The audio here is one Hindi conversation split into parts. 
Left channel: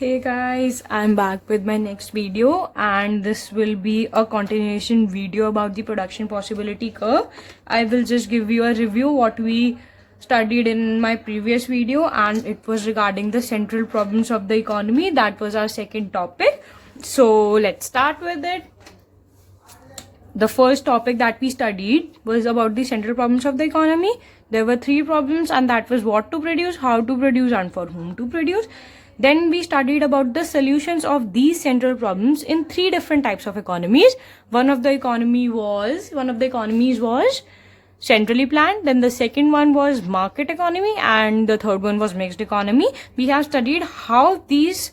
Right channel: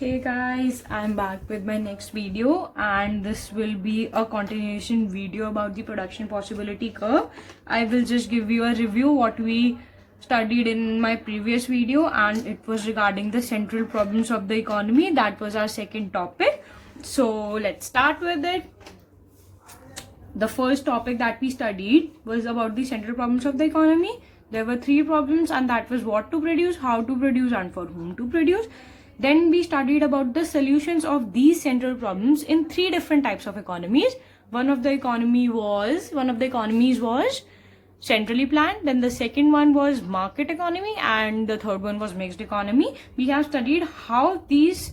Hey guys, I'm back with my next video and this will be a continuation video about the production possibility curve. I will just give you a review what we studied in my previous video and it was regarding the central problems of the economy. That was our second topic. So let's start with it. The first topic that we studied was about the central problems of the economy. There were three problems and that was what to produce, how to produce and for whom to produce. Then we studied about the solutions of these central problems in three different types of economies. One of the economies was centrally planned. Then the second one was market economy and the third one was mixed economy. We have studied how these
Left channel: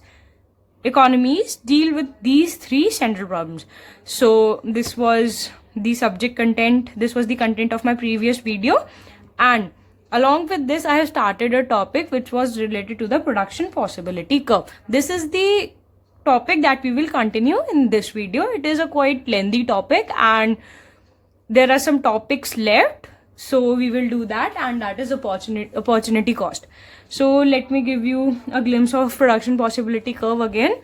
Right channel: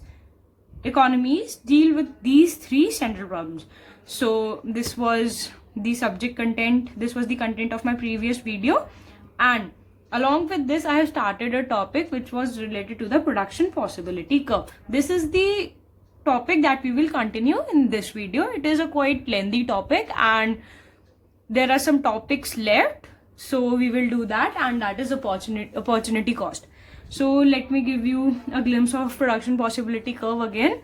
economies deal with these three central problems. So this was the subject content. This was the content of my previous video, and along with this, I have started a topic which was related to the production possibility curve. This is the topic that we will continue in this video. It is a quite lengthy topic and there are some topics left. So we will do that, and that is opportunity cost. So let me give you a glimpse of production possibility curve again.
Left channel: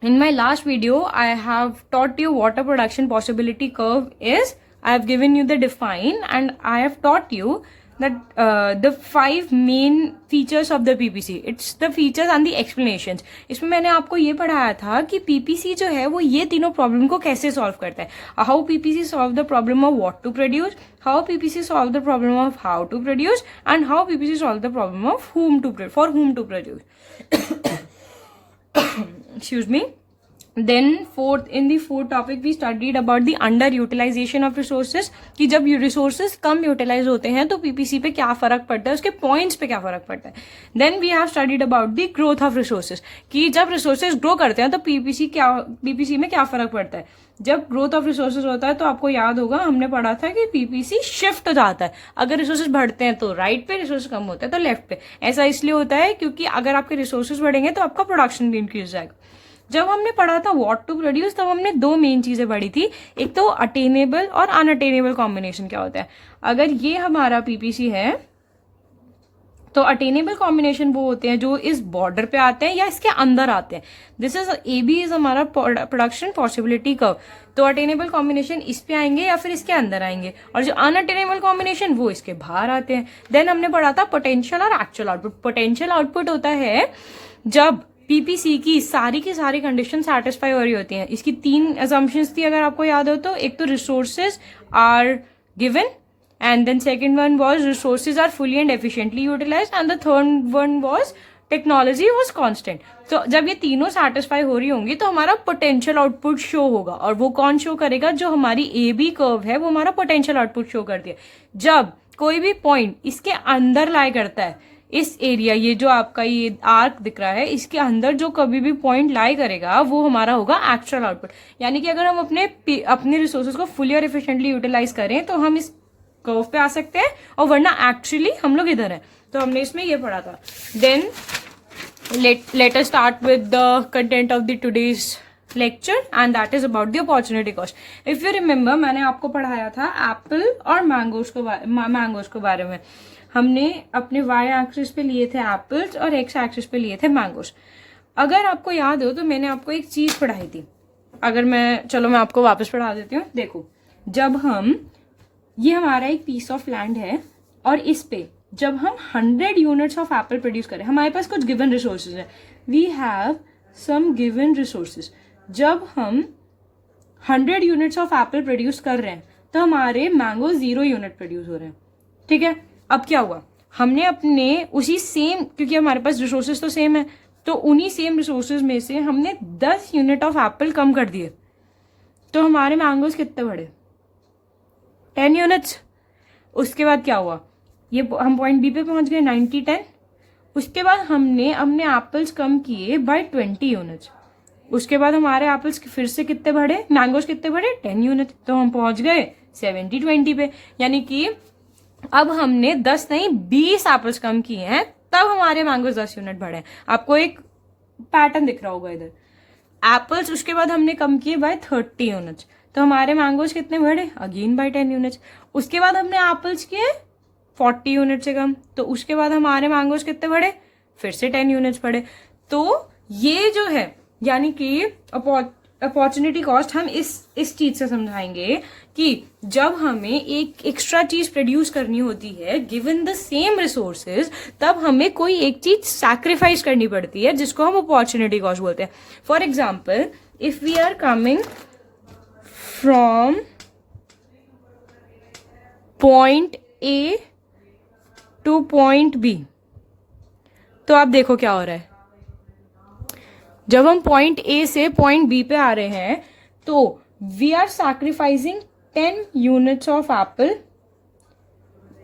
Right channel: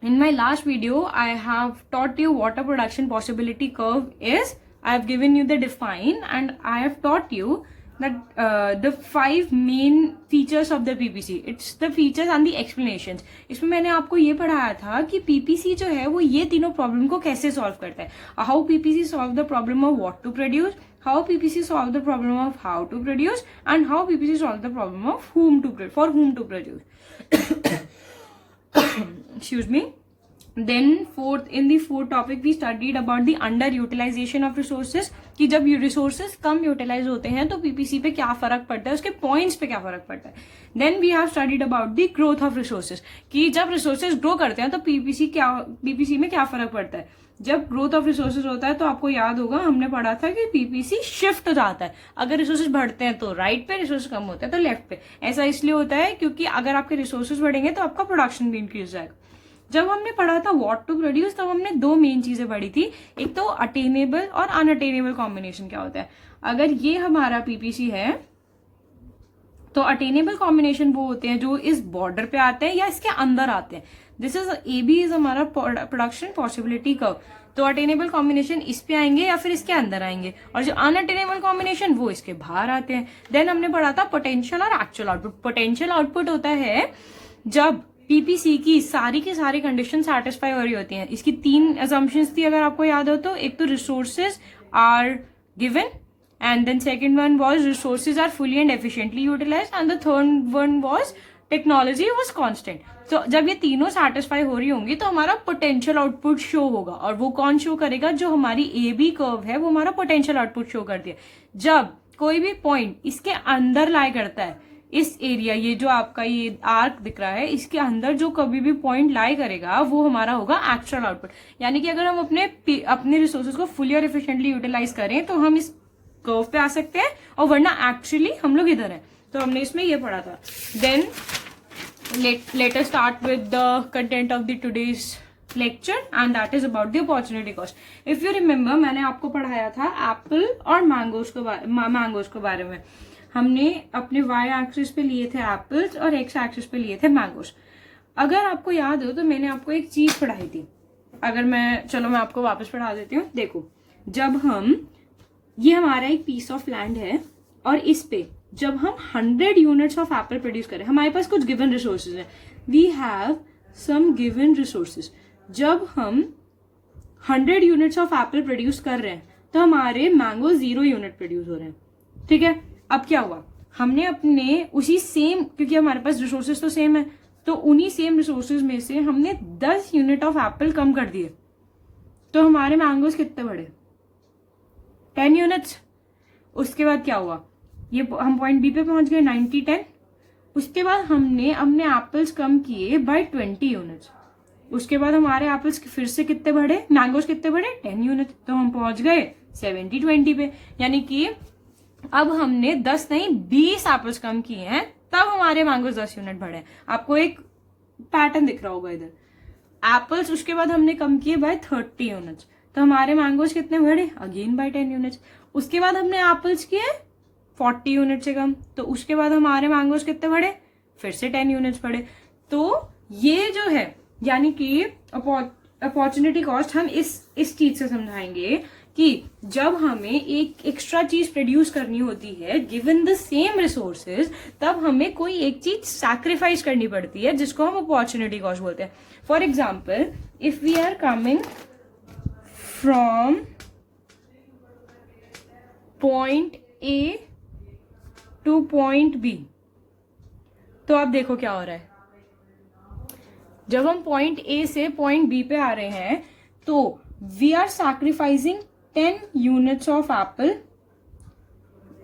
In my last video, I have taught you what a production possibility curve is. I have given you the define and I have taught you that the five main features of the PPC. It's the features and the explanations. इसमें मैंने आपको ये पढ़ाया था कि PPC जो है वो ये तीनों प्रॉब्लम को कैसे सॉल्व करता है. How PPC solve the problem of what to produce, how PPC solve the problem of how to produce, and how PPC solve the problem of for whom to produce. Excuse me. Then in the fourth topic we studied about the underutilization of resources, कि जब resources कम utilize होते हैं तो PPC पे क्या फर्क पड़ता है, उसके points पे क्या फर्क पड़ता है. Then we have studied about the growth of resources, कि जब resources grow करते हैं तो PPC में क्या फर्क पड़ता है. जब growth of resources होता है तो आपको याद होगा हमने पढ़ा था कि PPC shift हो जाता है. अगर resources बढ़ते हैं तो right पे, resources कम होते हैं तो left पे. ऐसा इसलिए होता है क्योंकि अगर आपके resources बढ़ेंगे तो आपका production भी increase जाएगा. जब हमने पढ़ा था व्हाट टू प्रोड्यूस तब हमने दो मेन चीजें पढ़ी थी. एक तो अटेनेबल और अनअटेनेबल कॉम्बिनेशन क्या होता है. अगर ये हमारा पीपीसी है तो अटेनेबल कॉम्बिनेशन वो होते हैं जो इस बॉर्डर पे आते हैं या इसके अंदर आते हैं. दिस इज AB इज हमारा प्रोडक्शन पॉसिबिलिटी कर्व. तो अटेनेबल कॉम्बिनेशन इस पे आएंगे या फिर इसके अंदर आएंगे, और जो अनअटेनेबल कॉम्बिनेशन वो इसके बाहर आते हैं. देन हमने पढ़ा था पोटेंशियल और एक्चुअल आउटपुट. पोटेंशियल आउटपुट होता है जब पीपीसी की सारी कंडीशन सेटिस्फाई हो रही होती हैं. इसकी तीन असम्पशंस थी अगर आपको याद हो तो. एक तो resources are given and then second one was resources are fully and efficiently utilised and the third one was technology was constant. तो जब ये तीनों सेटिस्फाई हो रही होंगी तो हमारा पोटेंशियल आउटपुट शो होगा, और वो कौन शो करेगा, जो हमारी AB कर्व है वो हमारा पोटेंशियल आउटपुट शो करती है. जब कोई भी पॉइंट इसके अंदर लाई करता है, इस एरिया, ये जो आपका ये आर्क दिख रहा है, इसके अंदर जो कभी भी पॉइंट लाई करेगा वो हमारा होगा एक्चुअल आउटपुट. यानी कि अगर हम अपने रिसोर्सेज को फुली और एफिशिएंटली यूटिलाइज करें तो हम इस कर्व पे आ सकते हैं, और वरना एक्चुअली हम लोग इधर हैं. तो हमने इसमें ये पढ़ा था. Then let us start with the content of the today's lecture and that is about the opportunity cost. If you remember, मैंने आपको पढ़ाया था एप्पल और मैंगोज के बारे में. हमने अपने y एक्सिस पे लिए थे एप्पल्स और x एक्सिस पे लिए थे मैंगोज. अगर आपको याद हो तो मैंने आपको एक चीज पढ़ाई थी. मैं आपको वापस पढ़ा देती हूँ. देखो, जब ये हमारा एक पीस ऑफ लैंड है और इस पे जब हम 100 यूनिट्स ऑफ एप्पल प्रोड्यूस करें, हमारे पास कुछ गिवन रिसोर्सेज है. We have some given resources. जब हम 100 यूनिट्स ऑफ एप्पल प्रोड्यूस कर रहे हैं तो हमारे मैंगो 0 यूनिट प्रोड्यूस हो रहे हैं. ठीक है. अब क्या हुआ, हमने अपने उसी सेम, क्योंकि हमारे पास रिसोर्सेज तो सेम है, तो उन्हीं सेम रिसोर्सेज में से हमने 10 यूनिट ऑफ एप्पल कम कर दिए, तो हमारे मैंगोज कितने बढ़े, 10 यूनिट्स. उसके बाद क्या हुआ, ये हम पॉइंट बी पे पहुंच गए 90-10. उसके बाद हमने अपने एप्पल्स कम किए बाय 20 यूनिट्स. उसके बाद हमारे एप्पल्स फिर से कितने बढ़े, मैंगोज कितने बढ़े, 10 यूनिट. तो हम पहुंच गए 70-20 पे. यानी कि अब हमने 10 नहीं 20 एप्पल्स कम किए हैं, तब हमारे मैंगोज 10 यूनिट बढ़े. आपको एक पैटर्न दिख रहा होगा इधर. एप्पल्स उसके बाद हमने कम किए बाय 30 यूनिट्स, तो हमारे मैंगोज कितने बढ़े, अगेन बाय 10 यूनिट्स. उसके बाद हमने एप्पल्स किए 40 यूनिट से कम, तो उसके बाद हमारे मैंगोज कितने बढ़े, फिर से 10 यूनिट्स बढ़े. तो ये जो है यानी कि अपॉर्चुनिटी कॉस्ट हम इस चीज से समझाएंगे कि जब हमें एक एक्स्ट्रा चीज प्रोड्यूस करनी होती है गिवन द सेम रिसोर्सेज, तब हमें कोई एक चीज सैक्रिफाइस करनी पड़ती है जिसको हम अपॉर्चुनिटी कॉस्ट बोलते हैं. For example, if we are coming from point A to point B, तो आप देखो क्या हो रहा है. जब हम पॉइंट ए से पॉइंट बी पे आ रहे हैं तो we are sacrificing 10 units of apple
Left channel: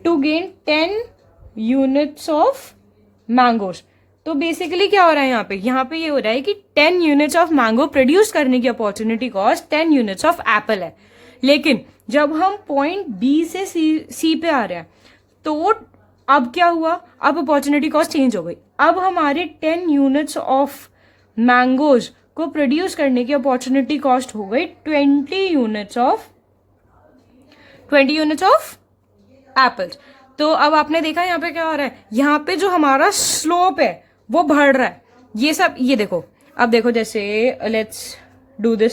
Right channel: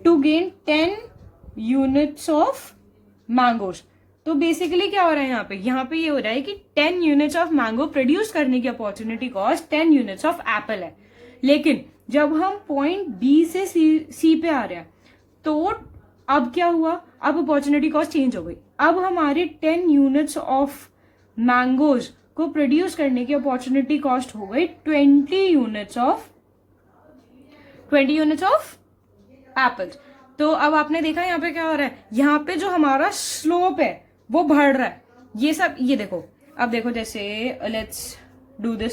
to gain 10 units of mangoes. तो बेसिकली क्या हो रहा है यहाँ पे ये हो रहा है कि 10 यूनिट्स ऑफ मैंगो प्रोड्यूस करने की opportunity cost 10 units of Apple है. लेकिन जब हम पॉइंट बी से सी पे आ रहे हैं तो अब क्या हुआ, अब अपॉर्चुनिटी कॉस्ट चेंज हो गई. अब हमारे 10 यूनिट्स ऑफ मैंगोज को प्रोड्यूस करने की अपॉर्चुनिटी कॉस्ट हो गई 20 यूनिट्स ऑफ एप्पल्स. तो अब आपने देखा यहाँ पे क्या हो रहा है, यहाँ पे जो हमारा स्लोप है वो बढ़ रहा है. ये देखो, अब देखो जैसे let's do the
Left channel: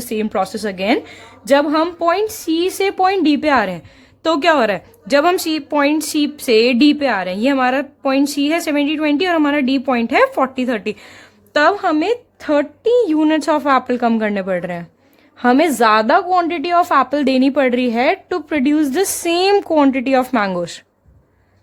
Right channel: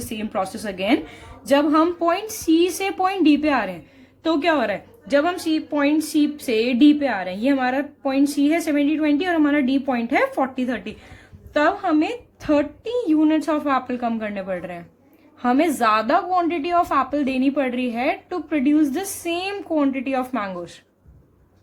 same process again. जब हम पॉइंट सी से पॉइंट डी पे आ रहे हैं तो क्या हो रहा है, जब हम पॉइंट सी से डी पे आ रहे हैं, ये हमारा पॉइंट सी है 70-20 और हमारा डी पॉइंट है 40-30, तब हमें 30 यूनिट्स ऑफ एप्पल कम करने पड़ रहे हैं. हमें ज्यादा क्वांटिटी ऑफ एप्पल देनी पड़ रही है to produce the same quantity of mangoes.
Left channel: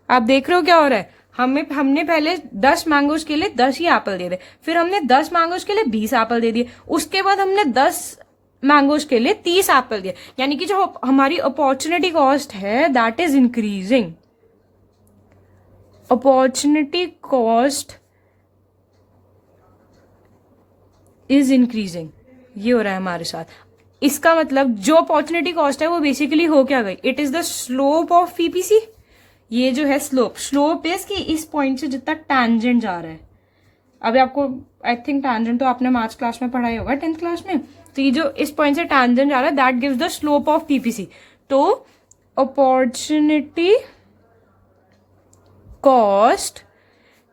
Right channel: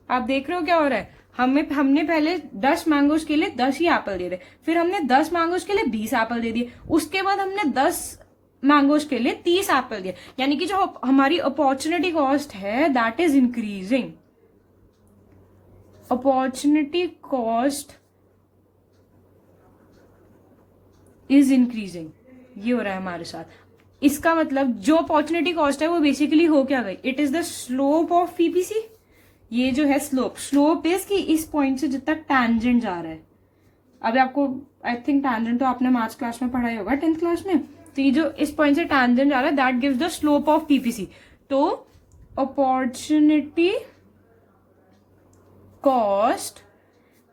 आप देख रहे हो क्या हो रहा है, हमने पहले 10 मैंगोज के लिए 10 ही एप्पल दे दिए, फिर हमने 10 मैंगोज के लिए 20 एप्पल दे दिए, उसके बाद हमने 10 मैंगोज के लिए 30 एप्पल दिए. यानी कि जो हमारी अपॉर्चुनिटी कॉस्ट है that is increasing. Opportunity cost is increasing, ये हो रहा है हमारे साथ. इसका मतलब जो अपॉर्चुनिटी कॉस्ट है वो बेसिकली हो क्या गई, it is the slope of PPC. ये जो है स्लोप इज कि इस पॉइंट से जितना टैंजेंट जा रहा है. अभी आपको आई थिंक टैंजेंट तो आपने मैथ्स क्लास में पढ़ाई होगा 10th क्लास में. तो ये जो इस पॉइंट से टैंजेंट जा रहा है that gives the slope of PPC. तो opportunity cost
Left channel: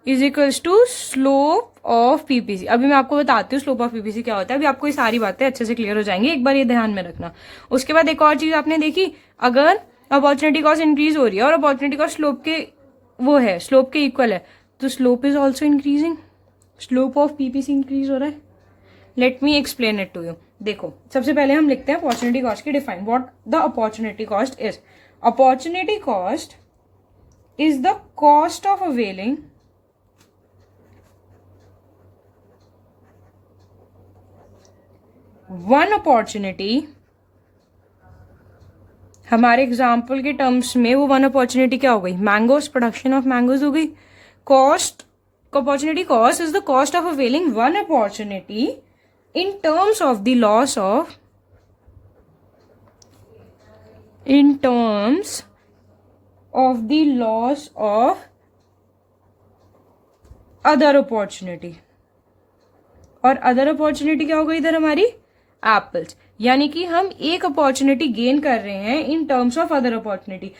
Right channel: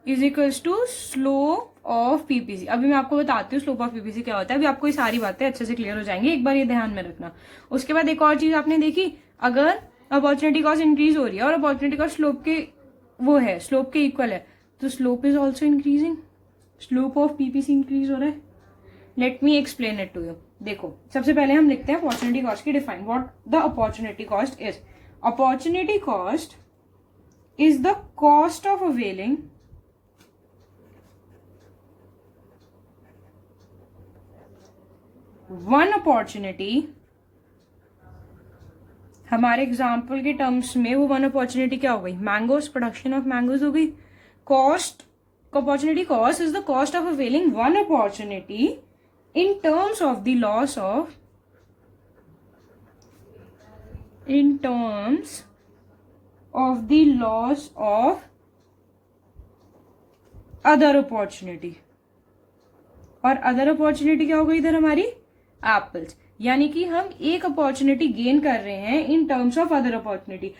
is equals to slope of PPC. अभी मैं आपको बताती हूँ स्लोप ऑफ पीपीसी क्या होता है. अभी आपको ये सारी बातें अच्छे से क्लियर हो जाएंगी, एक बार ये ध्यान में रखना. उसके बाद एक और चीज आपने देखी, अगर अपॉर्चुनिटी कॉस्ट इंक्रीज हो रही है और अपॉर्चुनिटी कॉस्ट स्लोप के इक्वल है, तो slope is also increasing. Slope of PPC increase हो रहा है. Let me explain it to you. देखो, सबसे पहले हम लिखते हैं अपॉर्चुनिटी कॉस्ट की define. What the opportunity cost is, opportunity cost is the cost of availing one opportunity. हमारे एग्जाम्पल के टर्म्स में वो वन अपॉर्चुनिटी क्या हो गई, मैंगोज, प्रोडक्शन ऑफ मैंगोज हो गई. Cost, opportunity cost is the cost of availing one opportunity in terms of the loss of other opportunity. और अदर अपॉर्चुनिटी क्या हो गई इधर हमारी, एप्पल्स. यानी कि हम एक अपॉर्चुनिटी गेन कर रहे हैं इन टर्म्स ऑफ अदर अपॉर्चुनिटी.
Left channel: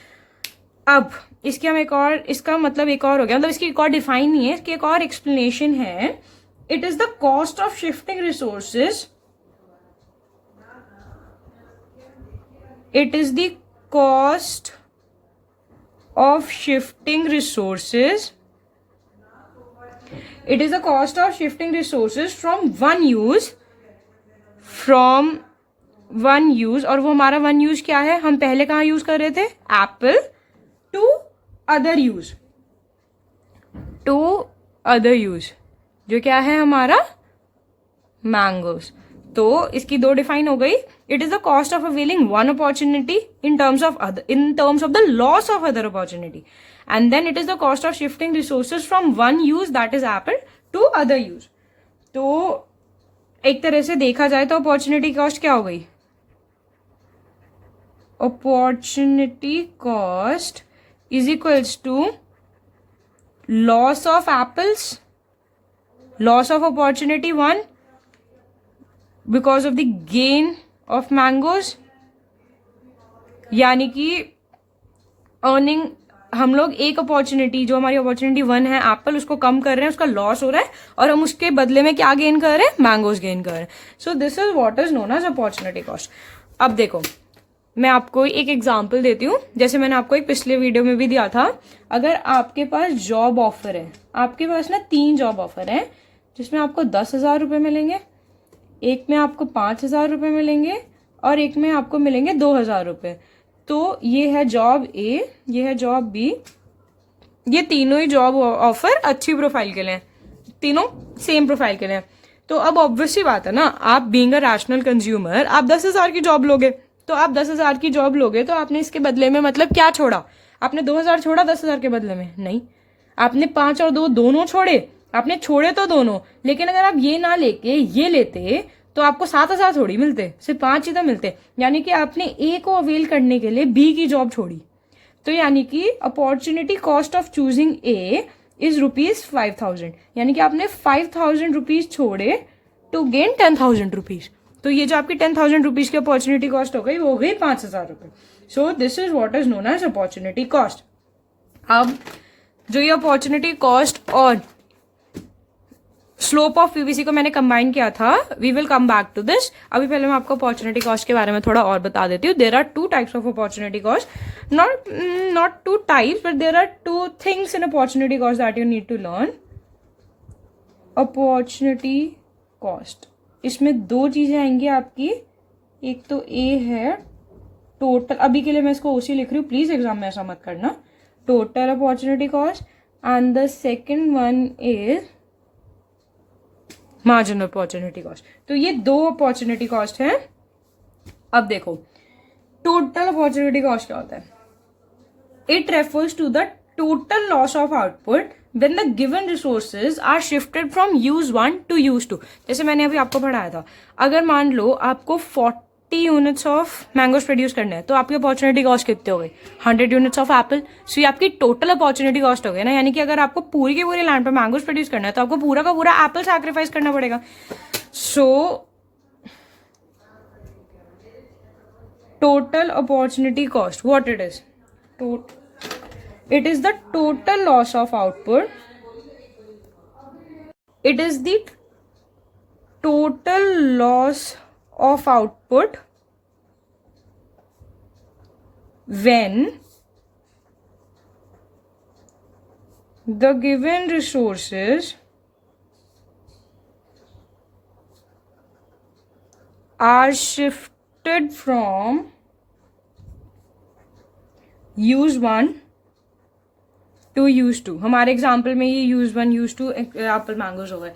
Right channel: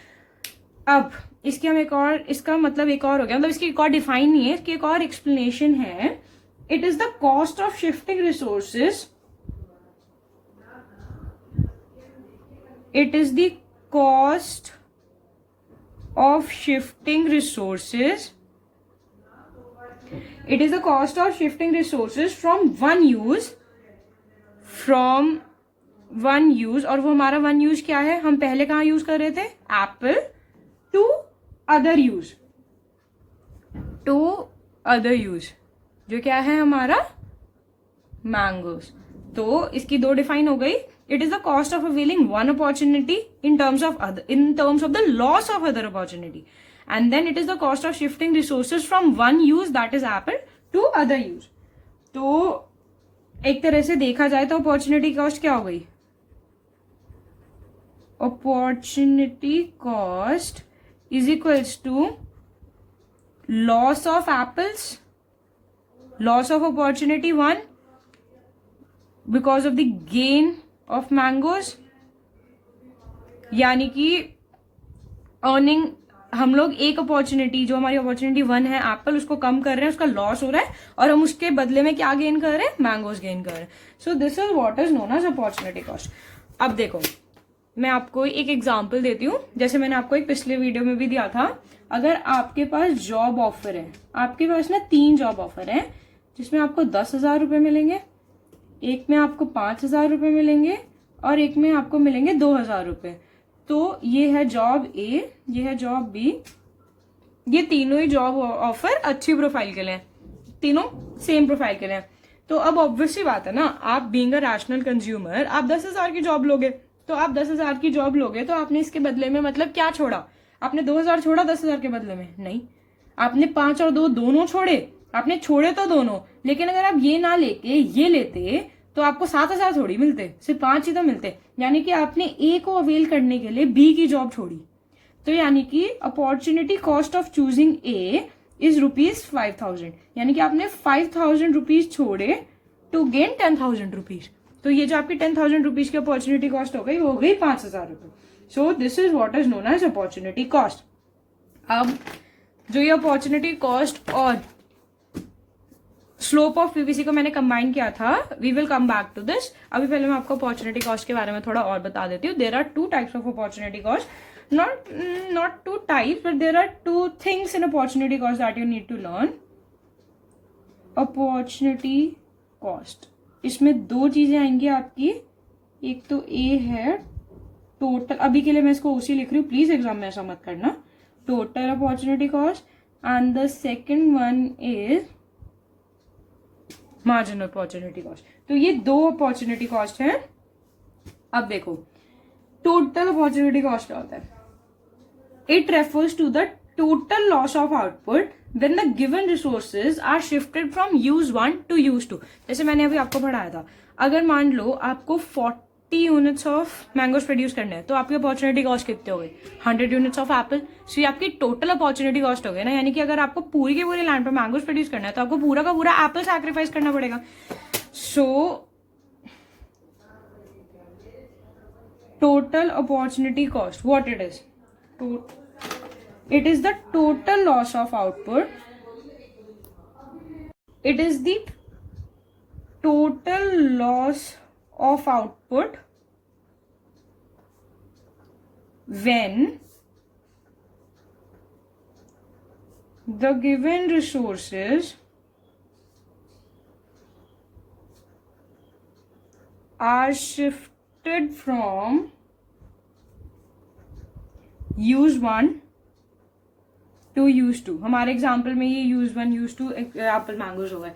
अब इसके हम इसका मतलब एक और हो गया, मतलब इसकी एक और डिफाइन नहीं है, इसकी एक और एक्सप्लेनेशन है. It is the cost of shifting resources. It is the cost of shifting resources. It is the cost of shifting resources from one use. और वो हमारा वन यूज क्या है, हम पहले कहाँ यूज कर रहे थे, एप्पल, टू अदर यूज जो क्या है हमारा मैंगोज. तो इसकी दो डिफाइन हो गई. It is the cost of availing one opportunity in terms of the loss of other opportunity, and then it is the cost of shifting resources from one use that is apple to other use. तो एक तरह से देखा जाए तो अपॉर्चुनिटी कॉस्ट क्या हो गई, opportunity cost is equals to loss of apples, loss of opportunity 1 because of the gain of mangoes. यानी कि अर्निंग हम लोग एक अपॉर्चुनिटी, जो हमारी अपॉर्चुनिटी 1 है एप्पल, उसको कम कर रहे हैं, उसका लॉस हो रहा है, और हम उसके बदले में क्या गेन कर रहे हैं, मैंगोज गेन कर रहे हैं. So this is what is known as opportunity cost. अब देखो मैं आपको एक एग्जाम्पल देती हूँ. जैसे मैंने आपको एक पिछले वीडियो में भी दिया था, अगर आपके पास जॉब ऑफर है, आपके पास ना 3 जॉब ऑफर है, जिसमें आपको 10,000 रुपये मिलेंगे, एक में आपको 5,000 रुपये मिलेंगे, और एक में आपको मिलेंगे 2,000 रुपये. तो ये है जॉब ए, ये है जॉब बी. ये तीनों ही जॉब ऑफर अच्छी प्रोफाइल के लिए, तीनों सेम प्रोफाइल के लिए. तो अब ऑब्वियसली बात है ना, आप बीइंग अ रैशनल कंज्यूमर, आप 10,000 की जॉब लोगे. तो आप 10,000 की जॉब लोगे तो आपने इसके बदले में मतलब क्या छोड़ा? आपने 2,000 छोड़ा 10,000 के बदले में? नहीं, आपने 5 और 2 दोनों छोड़े. आपने छोड़े तो दोनों, लेकिन अगर आप ये ना लेके ये लेते तो आपको 7,000 थोड़ी मिलते, सिर्फ 5 ही तो मिलते. यानी कि आपने ए को अवेल करने के लिए बी की जॉब छोड़ी. तो यानी कि opportunity cost of choosing a is ₹5,000. यानी कि आपने 5,000 रुपीज छोड़े टू गेन 10,000 रुपीज. तो ये जो आपकी 10,000 रुपीज की अपॉर्चुनिटी कॉस्ट हो गई, वो हो गई 5,000 रुपये. So this is what is known as opportunity cost. अब जो ये अपॉर्चुनिटी कॉस्ट और स्लोप ऑफ पीवीसी को मैंने कंबाइन किया था, we will come back to this. अभी पहले मैं आपको अपॉर्चुनिटी कॉस्ट के बारे में थोड़ा और बता देती हूँ. There are 2 types of opportunity cost. Not 2 types, but there are 2 things in opportunity cost that you need to learn. Opportunity cost, इसमें 2 चीजें आएंगी आपकी. एक तो ए है टोटल, अभी के लिए मैं इसको ओसी लिख रही हूँ, प्लीज एग्जाम में ऐसा मत करना, total opportunity cost. And the second one is marginal opportunity cost. तो ये 2 अपॉर्चुनिटी कॉस्ट है. अब देखो टोटल अपॉर्चुनिटी कॉस्ट क्या होता है? It refers to the total loss of output when the given resources are shifted from use 1 to use 2. जैसे मैंने अभी आपको पढ़ाया था, अगर मान लो आपको 40 यूनिट्स ऑफ मैंगोज प्रोड्यूस करना है, तो आपकी अपॉर्चुनिटी कॉस्ट कितने हो गई? 100 यूनिट्स ऑफ एप्पल. सो ये आपकी टोटल अपॉर्चुनिटी कॉस्ट हो गई ना. यानी कि अगर आपको पूरी की पूरी लैंड पर मैंगोज प्रोड्यूस करना है, तो आपको पूरा का पूरा एप्पल सैक्रिफाइस करना पड़ेगा. So total opportunity cost, what it is? It is the total loss of output. It is the total loss of output when the given resources are shifted from use 1 to use 2. हमारे एग्जाम्पल में ये यूज 1 यूज 2 एप्पल मैंगोज हो गए.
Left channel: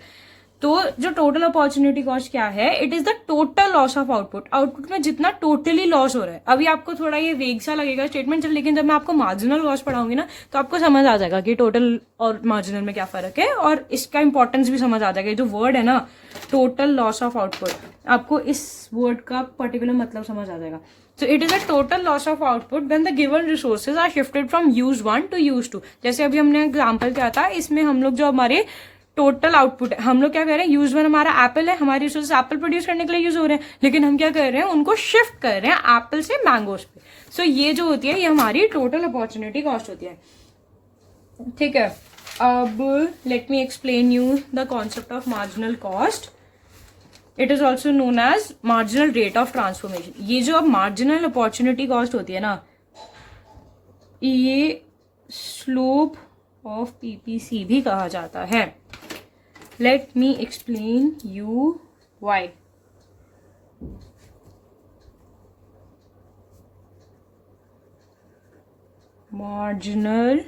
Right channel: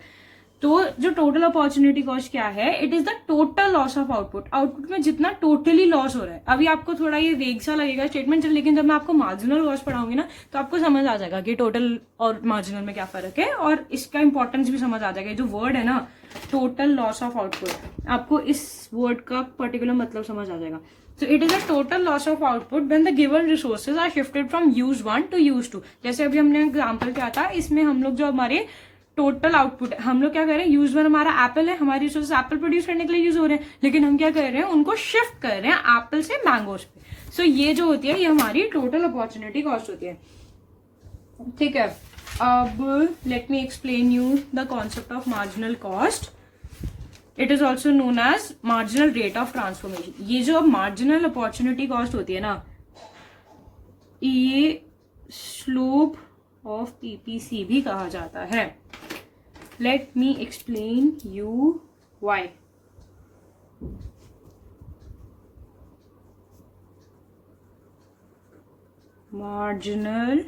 तो जो टोटल अपॉर्चुनिटी कॉस्ट क्या है? It is the total loss of output. Output में जितना टोटली लॉस हो रहा है. अभी आपको थोड़ा ये वेग सा लगेगा स्टेटमेंट, लेकिन जब मैं आपको मार्जिनल कॉस्ट पढ़ाऊंगी ना, तो आपको समझ आ जाएगा कि टोटल और मार्जिनल में क्या फर्क है, और इसका इंपॉर्टेंस भी समझ आ जाएगा. जो वर्ड है ना टोटल लॉस ऑफ आउटपुट, आपको इस वर्ड का पर्टिकुलर मतलब समझ आ जाएगा. So it is a total loss of output when the given resources are shifted from use 1 to use 2. जैसे अभी हमने एग्जाम्पल किया था, इसमें हम लोग जो हमारे टोटल आउटपुट है, हम लोग क्या कर रहे हैं, यूज 1 हमारा एप्पल है, हमारी रिसोर्सेज एप्पल प्रोड्यूस करने के लिए यूज हो रहे हैं, लेकिन हम क्या कर रहे हैं, उनको शिफ्ट कर रहे हैं एप्पल से मैंगोज पे. सो ये जो होती है, ये हमारी टोटल अपॉर्चुनिटी कॉस्ट होती है. ठीक है, अब let me explain you the concept of marginal cost. It is also known as marginal rate of transformation. ये जो अब मार्जिनल अपॉर्चुनिटी कॉस्ट होती है ना, ये स्लोप ऑफ पीपीसी भी कहा जाता है. Let me explain you why. Marginal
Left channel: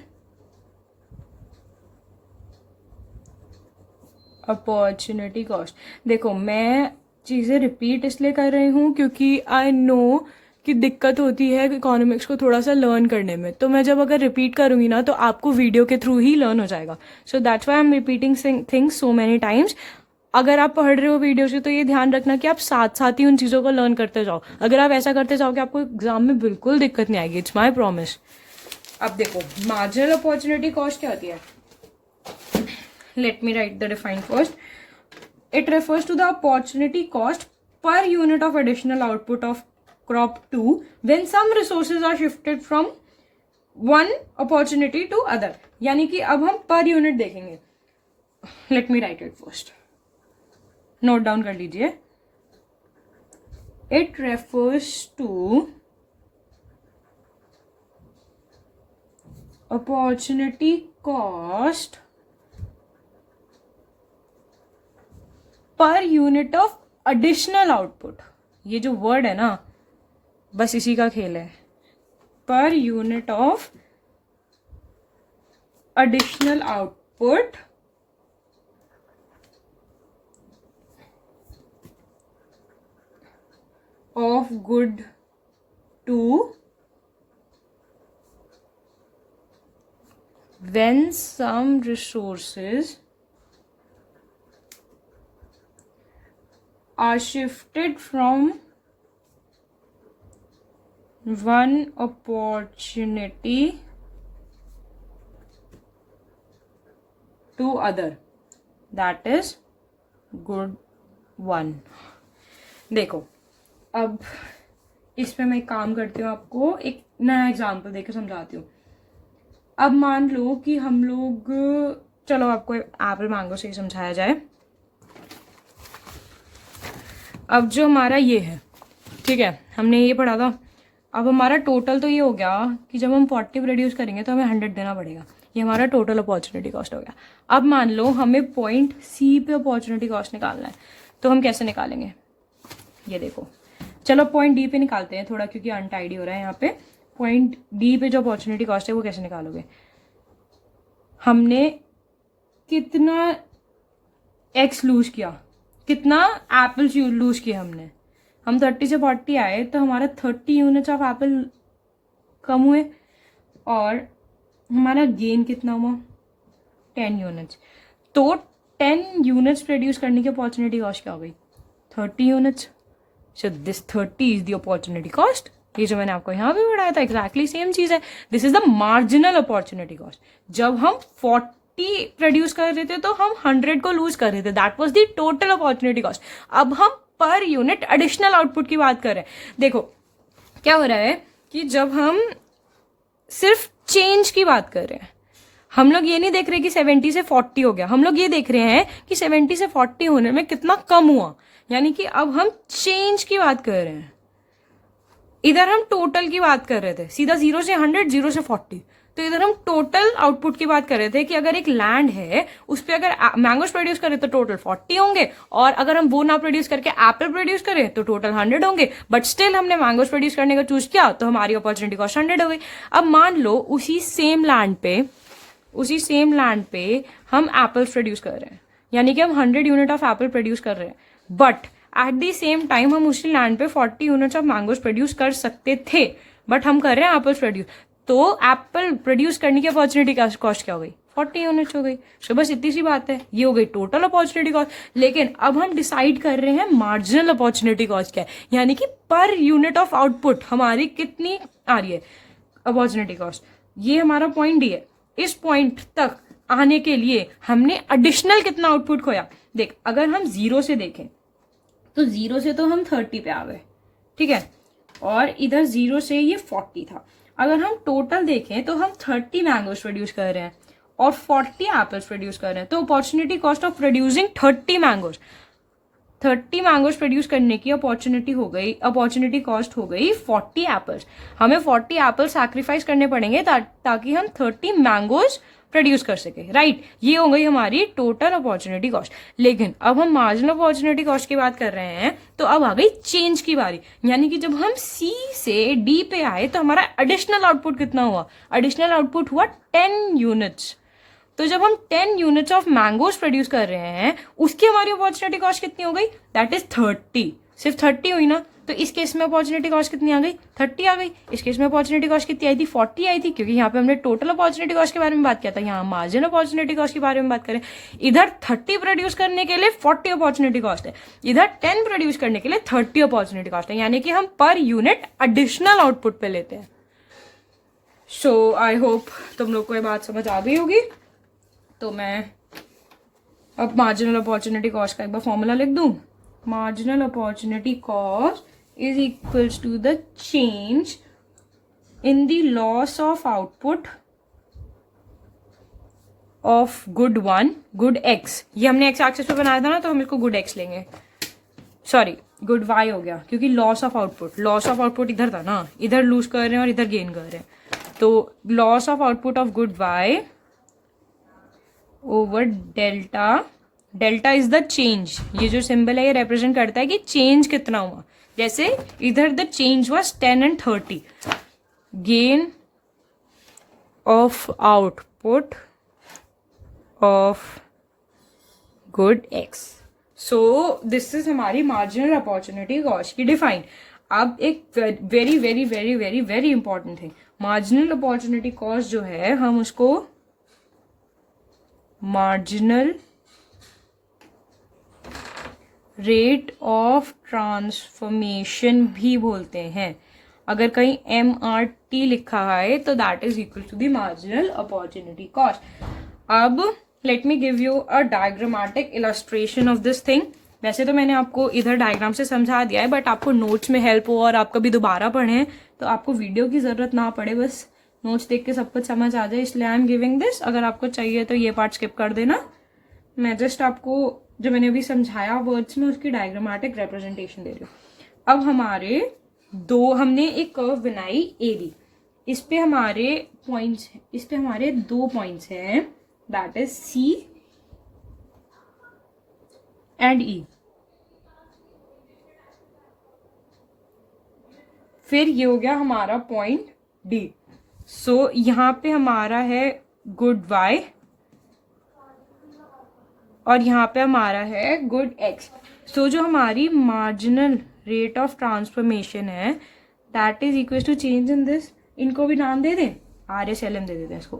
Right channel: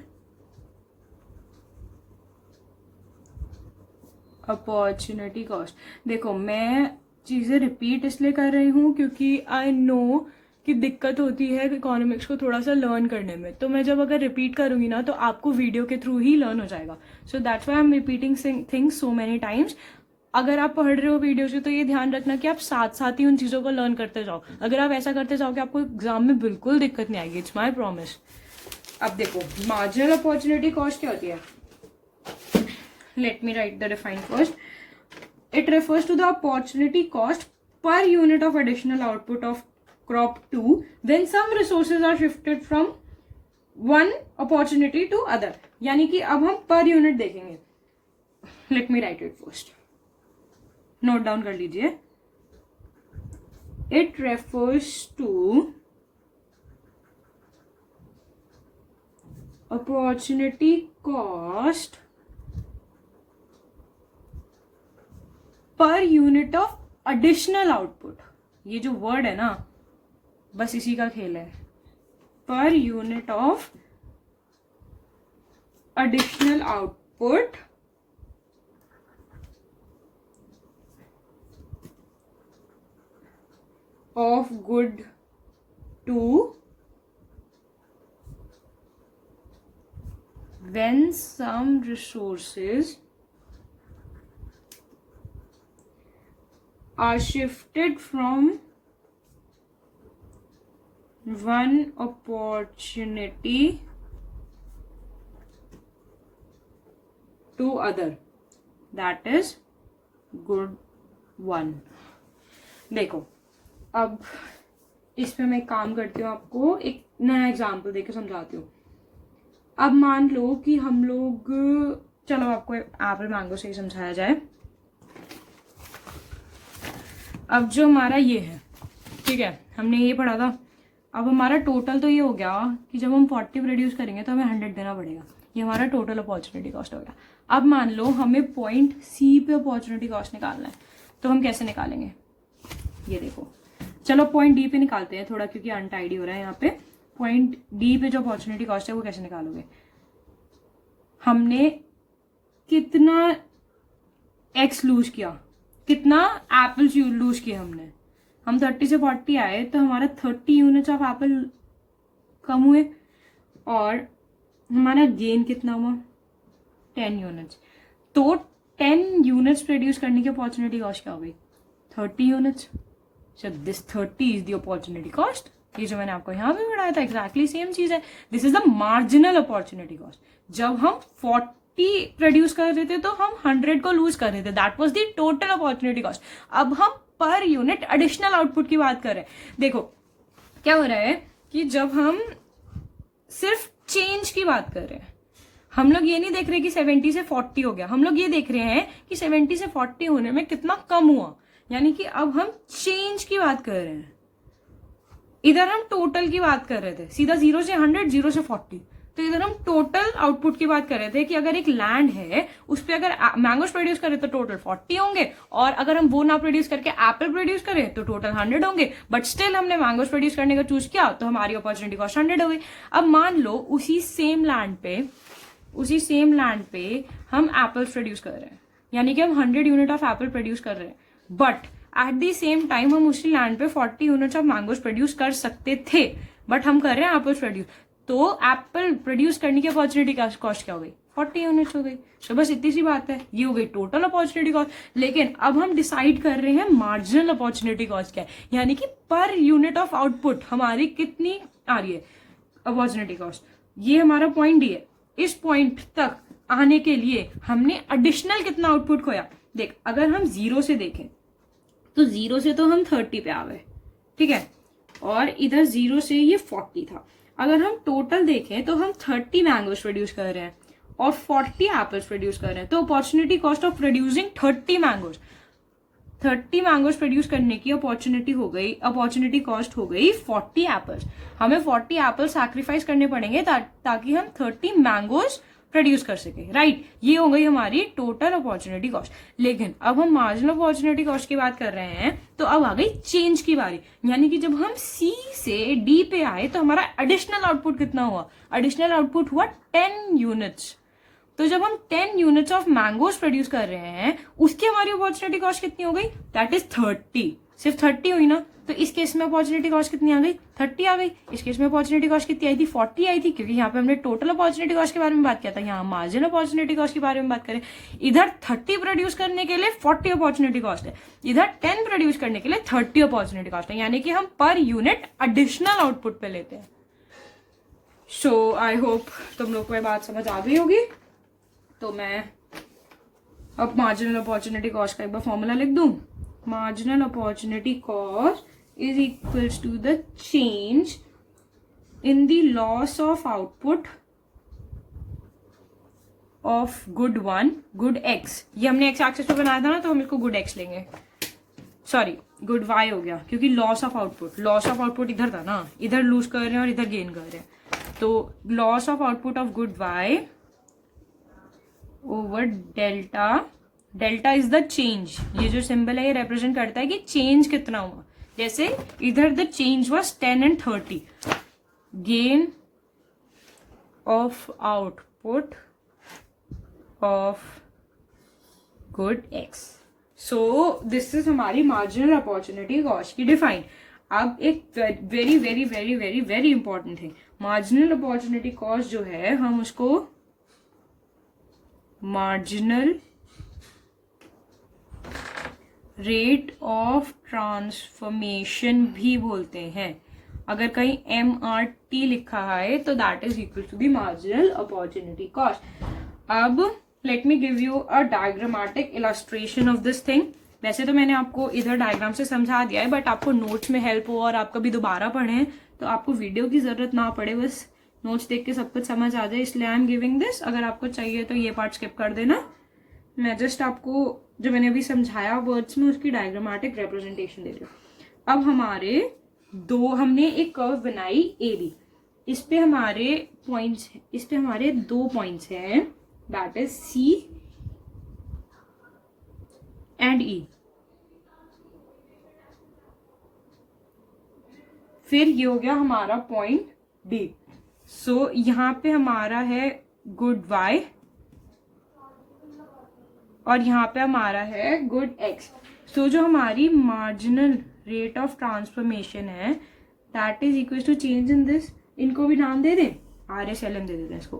opportunity cost. देखो मैं चीजें रिपीट इसलिए कर रही हूँ क्योंकि आई नो कि दिक्कत होती है इकोनॉमिक्स को थोड़ा सा लर्न करने में. तो मैं जब अगर रिपीट करूंगी ना, तो आपको वीडियो के थ्रू ही लर्न हो जाएगा. So that's why I am repeating things so many times. अगर आप पढ़ रहे हो वीडियो से, तो ये ध्यान रखना कि आप साथ साथ ही उन चीजों को लर्न करते जाओ. अगर आप ऐसा करते जाओगे, आपको एग्जाम में बिल्कुल दिक्कत नहीं आएगी. It's my promise. अब देखो मार्जिनल अपॉर्चुनिटी कॉस्ट क्या होती है. Let me write the define first. It refers to the opportunity cost per unit of additional output of crop 2 when some resources are shifted from one opportunity to other, यानी कि अब हम पर यूनिट देखेंगे. Let me write it first, note down कर लीजिए. It refers to opportunity cost per unit of additional output. ये जो वर्ड है ना, बस इसी का खेल है. Per unit of additional output of good two when some resources are shifted from one opportunity to other, that is good one. देखो, अब इस पे मैं एक काम करती हूँ, आपको एक नया एग्जाम्पल देकर समझाती हूँ. अब मान लो कि हम लोग, चलो आपको एप्पल मैंगो से ही समझाया जाए. अब जो हमारा ये है, ठीक है, हमने ये पढ़ा था. अब हमारा टोटल तो ये हो गया कि जब हम 40 प्रोड्यूस करेंगे तो हमें 100 देना पड़ेगा. ये हमारा टोटल अपॉर्चुनिटी कॉस्ट हो गया. अब मान लो हमें पॉइंट सी पे अपॉर्चुनिटी कॉस्ट निकालना है, तो हम कैसे निकालेंगे? ये देखो, चलो पॉइंट डी पे निकालते हैं थोड़ा, क्योंकि अनटाइडी हो रहा है यहाँ पे. पॉइंट डी पे जो अपॉर्चुनिटी कॉस्ट है वो कैसे निकालोगे? हमने कितना एक्स लूज किया, कितना एप्पल्स लूज किया हमने. हम 30 से 40 आए तो हमारा 30 यूनिट्स ऑफ एप्पल कम हुए, और हमारा गेन कितना हुआ? 10 यूनिट्स. तो 10 यूनिट्स प्रोड्यूस करने की अपॉर्चुनिटी कॉस्ट क्या हो गई? 30 units. So this 30 is the opportunity cost. ये जो मैंने आपको यहाँ पे पढ़ाया था एग्जैक्टली सेम चीज है. This is the marginal opportunity cost. जब हम 40 प्रोड्यूस कर रहे थे तो हम 100 को लूज कर रहे थे. That was the total opportunity cost. अब हम पर यूनिट एडिशनल आउटपुट की बात कर रहे हैं. देखो क्या हो रहा है कि जब हम सिर्फ चेंज की बात कर रहे हैं, हम लोग ये नहीं देख रहे कि 70 से 40 हो गया. हम लोग ये देख रहे हैं कि 70 से 40 होने में कितना कम हुआ. यानी कि अब हम चेंज की बात कर रहे हैं. इधर हम टोटल की बात कर रहे थे, सीधा 0 से 100, 0 से 40. तो इधर हम टोटल आउटपुट की बात कर रहे थे कि अगर एक लैंड है उस पर अगर मैंगोस प्रोड्यूस करें तो टोटल 40 होंगे, और अगर हम वो ना प्रोड्यूस करके एप्पल प्रोड्यूस करें तो टोटल 100 होंगे. बट स्टिल हमने मैंगोस प्रोड्यूस करने का चूज किया तो हमारी अपॉर्चुनिटी कॉस्ट 100 हो गई. अब मान लो उसी सेम लैंड पे हम एप्पल्स प्रोड्यूस कर रहे हैं, यानी कि हम 100 यूनिट ऑफ एप्पल प्रोड्यूस कर रहे हैं. But at the same time हम उसी लैंड पे 40 यूनिट्स ऑफ मैंगोस प्रोड्यूस कर सकते थे, बट हम कर रहे हैं एप्पल्स प्रोड्यूस. तो एप्पल प्रोड्यूस करने की अपॉर्चुनिटी कॉस्ट क्या हो गई? 40 यूनिट्स हो गई. सो बस इतनी सी बात है. ये हो गई टोटल अपॉर्चुनिटी कॉस्ट. लेकिन अब हम डिसाइड कर रहे हैं मार्जिनल अपॉर्चुनिटी कॉस्ट क्या है, यानी कि पर यूनिट ऑफ आउटपुट हमारी कितनी आ रही है अपॉर्चुनिटी कॉस्ट. ये हमारा पॉइंट डी है. इस पॉइंट तक आने के लिए हमने एडिशनल कितना आउटपुट खोया. देख, अगर हम 0 से देखें तो 0 से तो हम 30 पे आ गए, ठीक है, और इधर 0 से ये 40 था. अगर हम टोटल देखें तो हम 30 मैंगोस प्रोड्यूस कर रहे हैं और 40 एप्पल्स प्रोड्यूस कर रहे हैं. तो opportunity cost of producing 30 mangoes produce करने की अपॉर्चुनिटी कॉस्ट हो गई 40 एप्पल्स. हमें 40 एप्पल्स सैक्रिफाइस करने पड़ेंगे ताकि हम 30 मैंगोस प्रोड्यूस कर सके. राइट, ये हो गई हमारी टोटल अपॉर्चुनिटी कॉस्ट. लेकिन अब हम मार्जिनल अपॉर्चुनिटी कॉस्ट की बात कर रहे हैं, तो अब आ गई चेंज की बारी. यानी कि जब हम सी से डी पे आए तो हमारा एडिशनल आउटपुट कितना हुआ? एडिशनल आउटपुट हुआ 10 यूनिट्स. तो जब हम 10 यूनिट्स ऑफ मैंगोस प्रोड्यूस कर रहे हैं, उसकी हमारी अपॉर्चुनिटी कॉस्ट कितनी हो गई? That is 30. सिर्फ 30 हुई ना. तो इस केस में अपॉर्चुनिटी कॉस्ट कितनी आ गई? 30 आ गई. इस केस में अपॉर्चुनिटी कॉस्ट कितनी आई थी? 40 आई थी, क्योंकि यहाँ पे हमने टोटल अपॉर्चुनिटी कॉस्ट के बारे में बात किया था. यहाँ मार्जिनल अपॉर्चुनिटी कॉस्ट के बारे में बात करें, इधर 30 प्रोड्यूस करने के लिए 40 अपॉर्चुनिटी कॉस्ट है, इधर 10 प्रोड्यूस करने के लिए 30 अपॉर्चुनिटी कॉस्ट है. यानी कि हम पर यूनिट एडिशनल आउटपुट पे लेते हैं. सो आई होप तुम लोग को ये बात समझ आ गई होगी. तो मैं अब मार्जिनल अपॉर्चुनिटी कॉस्ट का एक बार फॉर्मूला लिख दूं. Marginal opportunity cost is equals to the change in the loss of output of good one, good x, ये हमने एक्स एक्सिस पे बनाया था ना, तो हम इसको गुड एक्स लेंगे, सॉरी गुड वाई हो गया, क्योंकि लॉस ऑफ आउटपुट इधर था ना, इधर लूज कर रहे हैं और इधर गेन कर रहे हैं, तो loss of output of good Y over delta, delta is the change, ये जो सिंबल है ये रिप्रेजेंट करता है कि चेंज कितना हुआ, जैसे इधर the change was 10 and 30, gain of output of good x. So this is हमारी मार्जिनल अपॉर्चुनिटी कॉस्ट की डिफाइन। अब एक very very very very very important है, मार्जिनल अपॉर्चुनिटी कॉस्ट जो है हम उसको मार्जिनल रेट ऑफ ट्रांसफॉर्मेशन भी बोलते हैं। अगर कहीं MRT लिखा है तो that is equal to the marginal opportunity cost. अब let me give you a diagrammatic illustration of this thing. वैसे तो मैंने आपको इधर डायग्राम से समझा दिया है, बट आपको नोट्स में हेल्प हो और आप कभी दोबारा पढ़ें तो आपको वीडियो की जरूरत ना पड़े, बस नोट्स देख के सब कुछ समझ आ जाए, इसलिए आई एम गिविंग दिस। अगर आपको चाहिए तो ये पार्ट स्किप कर देना, मैं जस्ट आपको जो मैंने अभी समझाया वर्ड्स में उसकी डायग्रामेटिक रिप्रेजेंटेशन दे रही हूँ। अब हमारे हमने एक कर्व बनाई AB, इस पे हमारे पॉइंट्स, इस पे हमारे 2 पॉइंट्स हैं, that is C and E। फिर ये हो गया हमारा पॉइंट D। सो यहाँ पे हमारा है गुड Y और यहाँ पे हमारा है गुड X। सो जो हमारी मार्जिनल रेट ऑफ ट्रांसफॉर्मेशन है that is equal to change in this, इनको भी नाम दे दें, RSLM दे देते हैं इसको,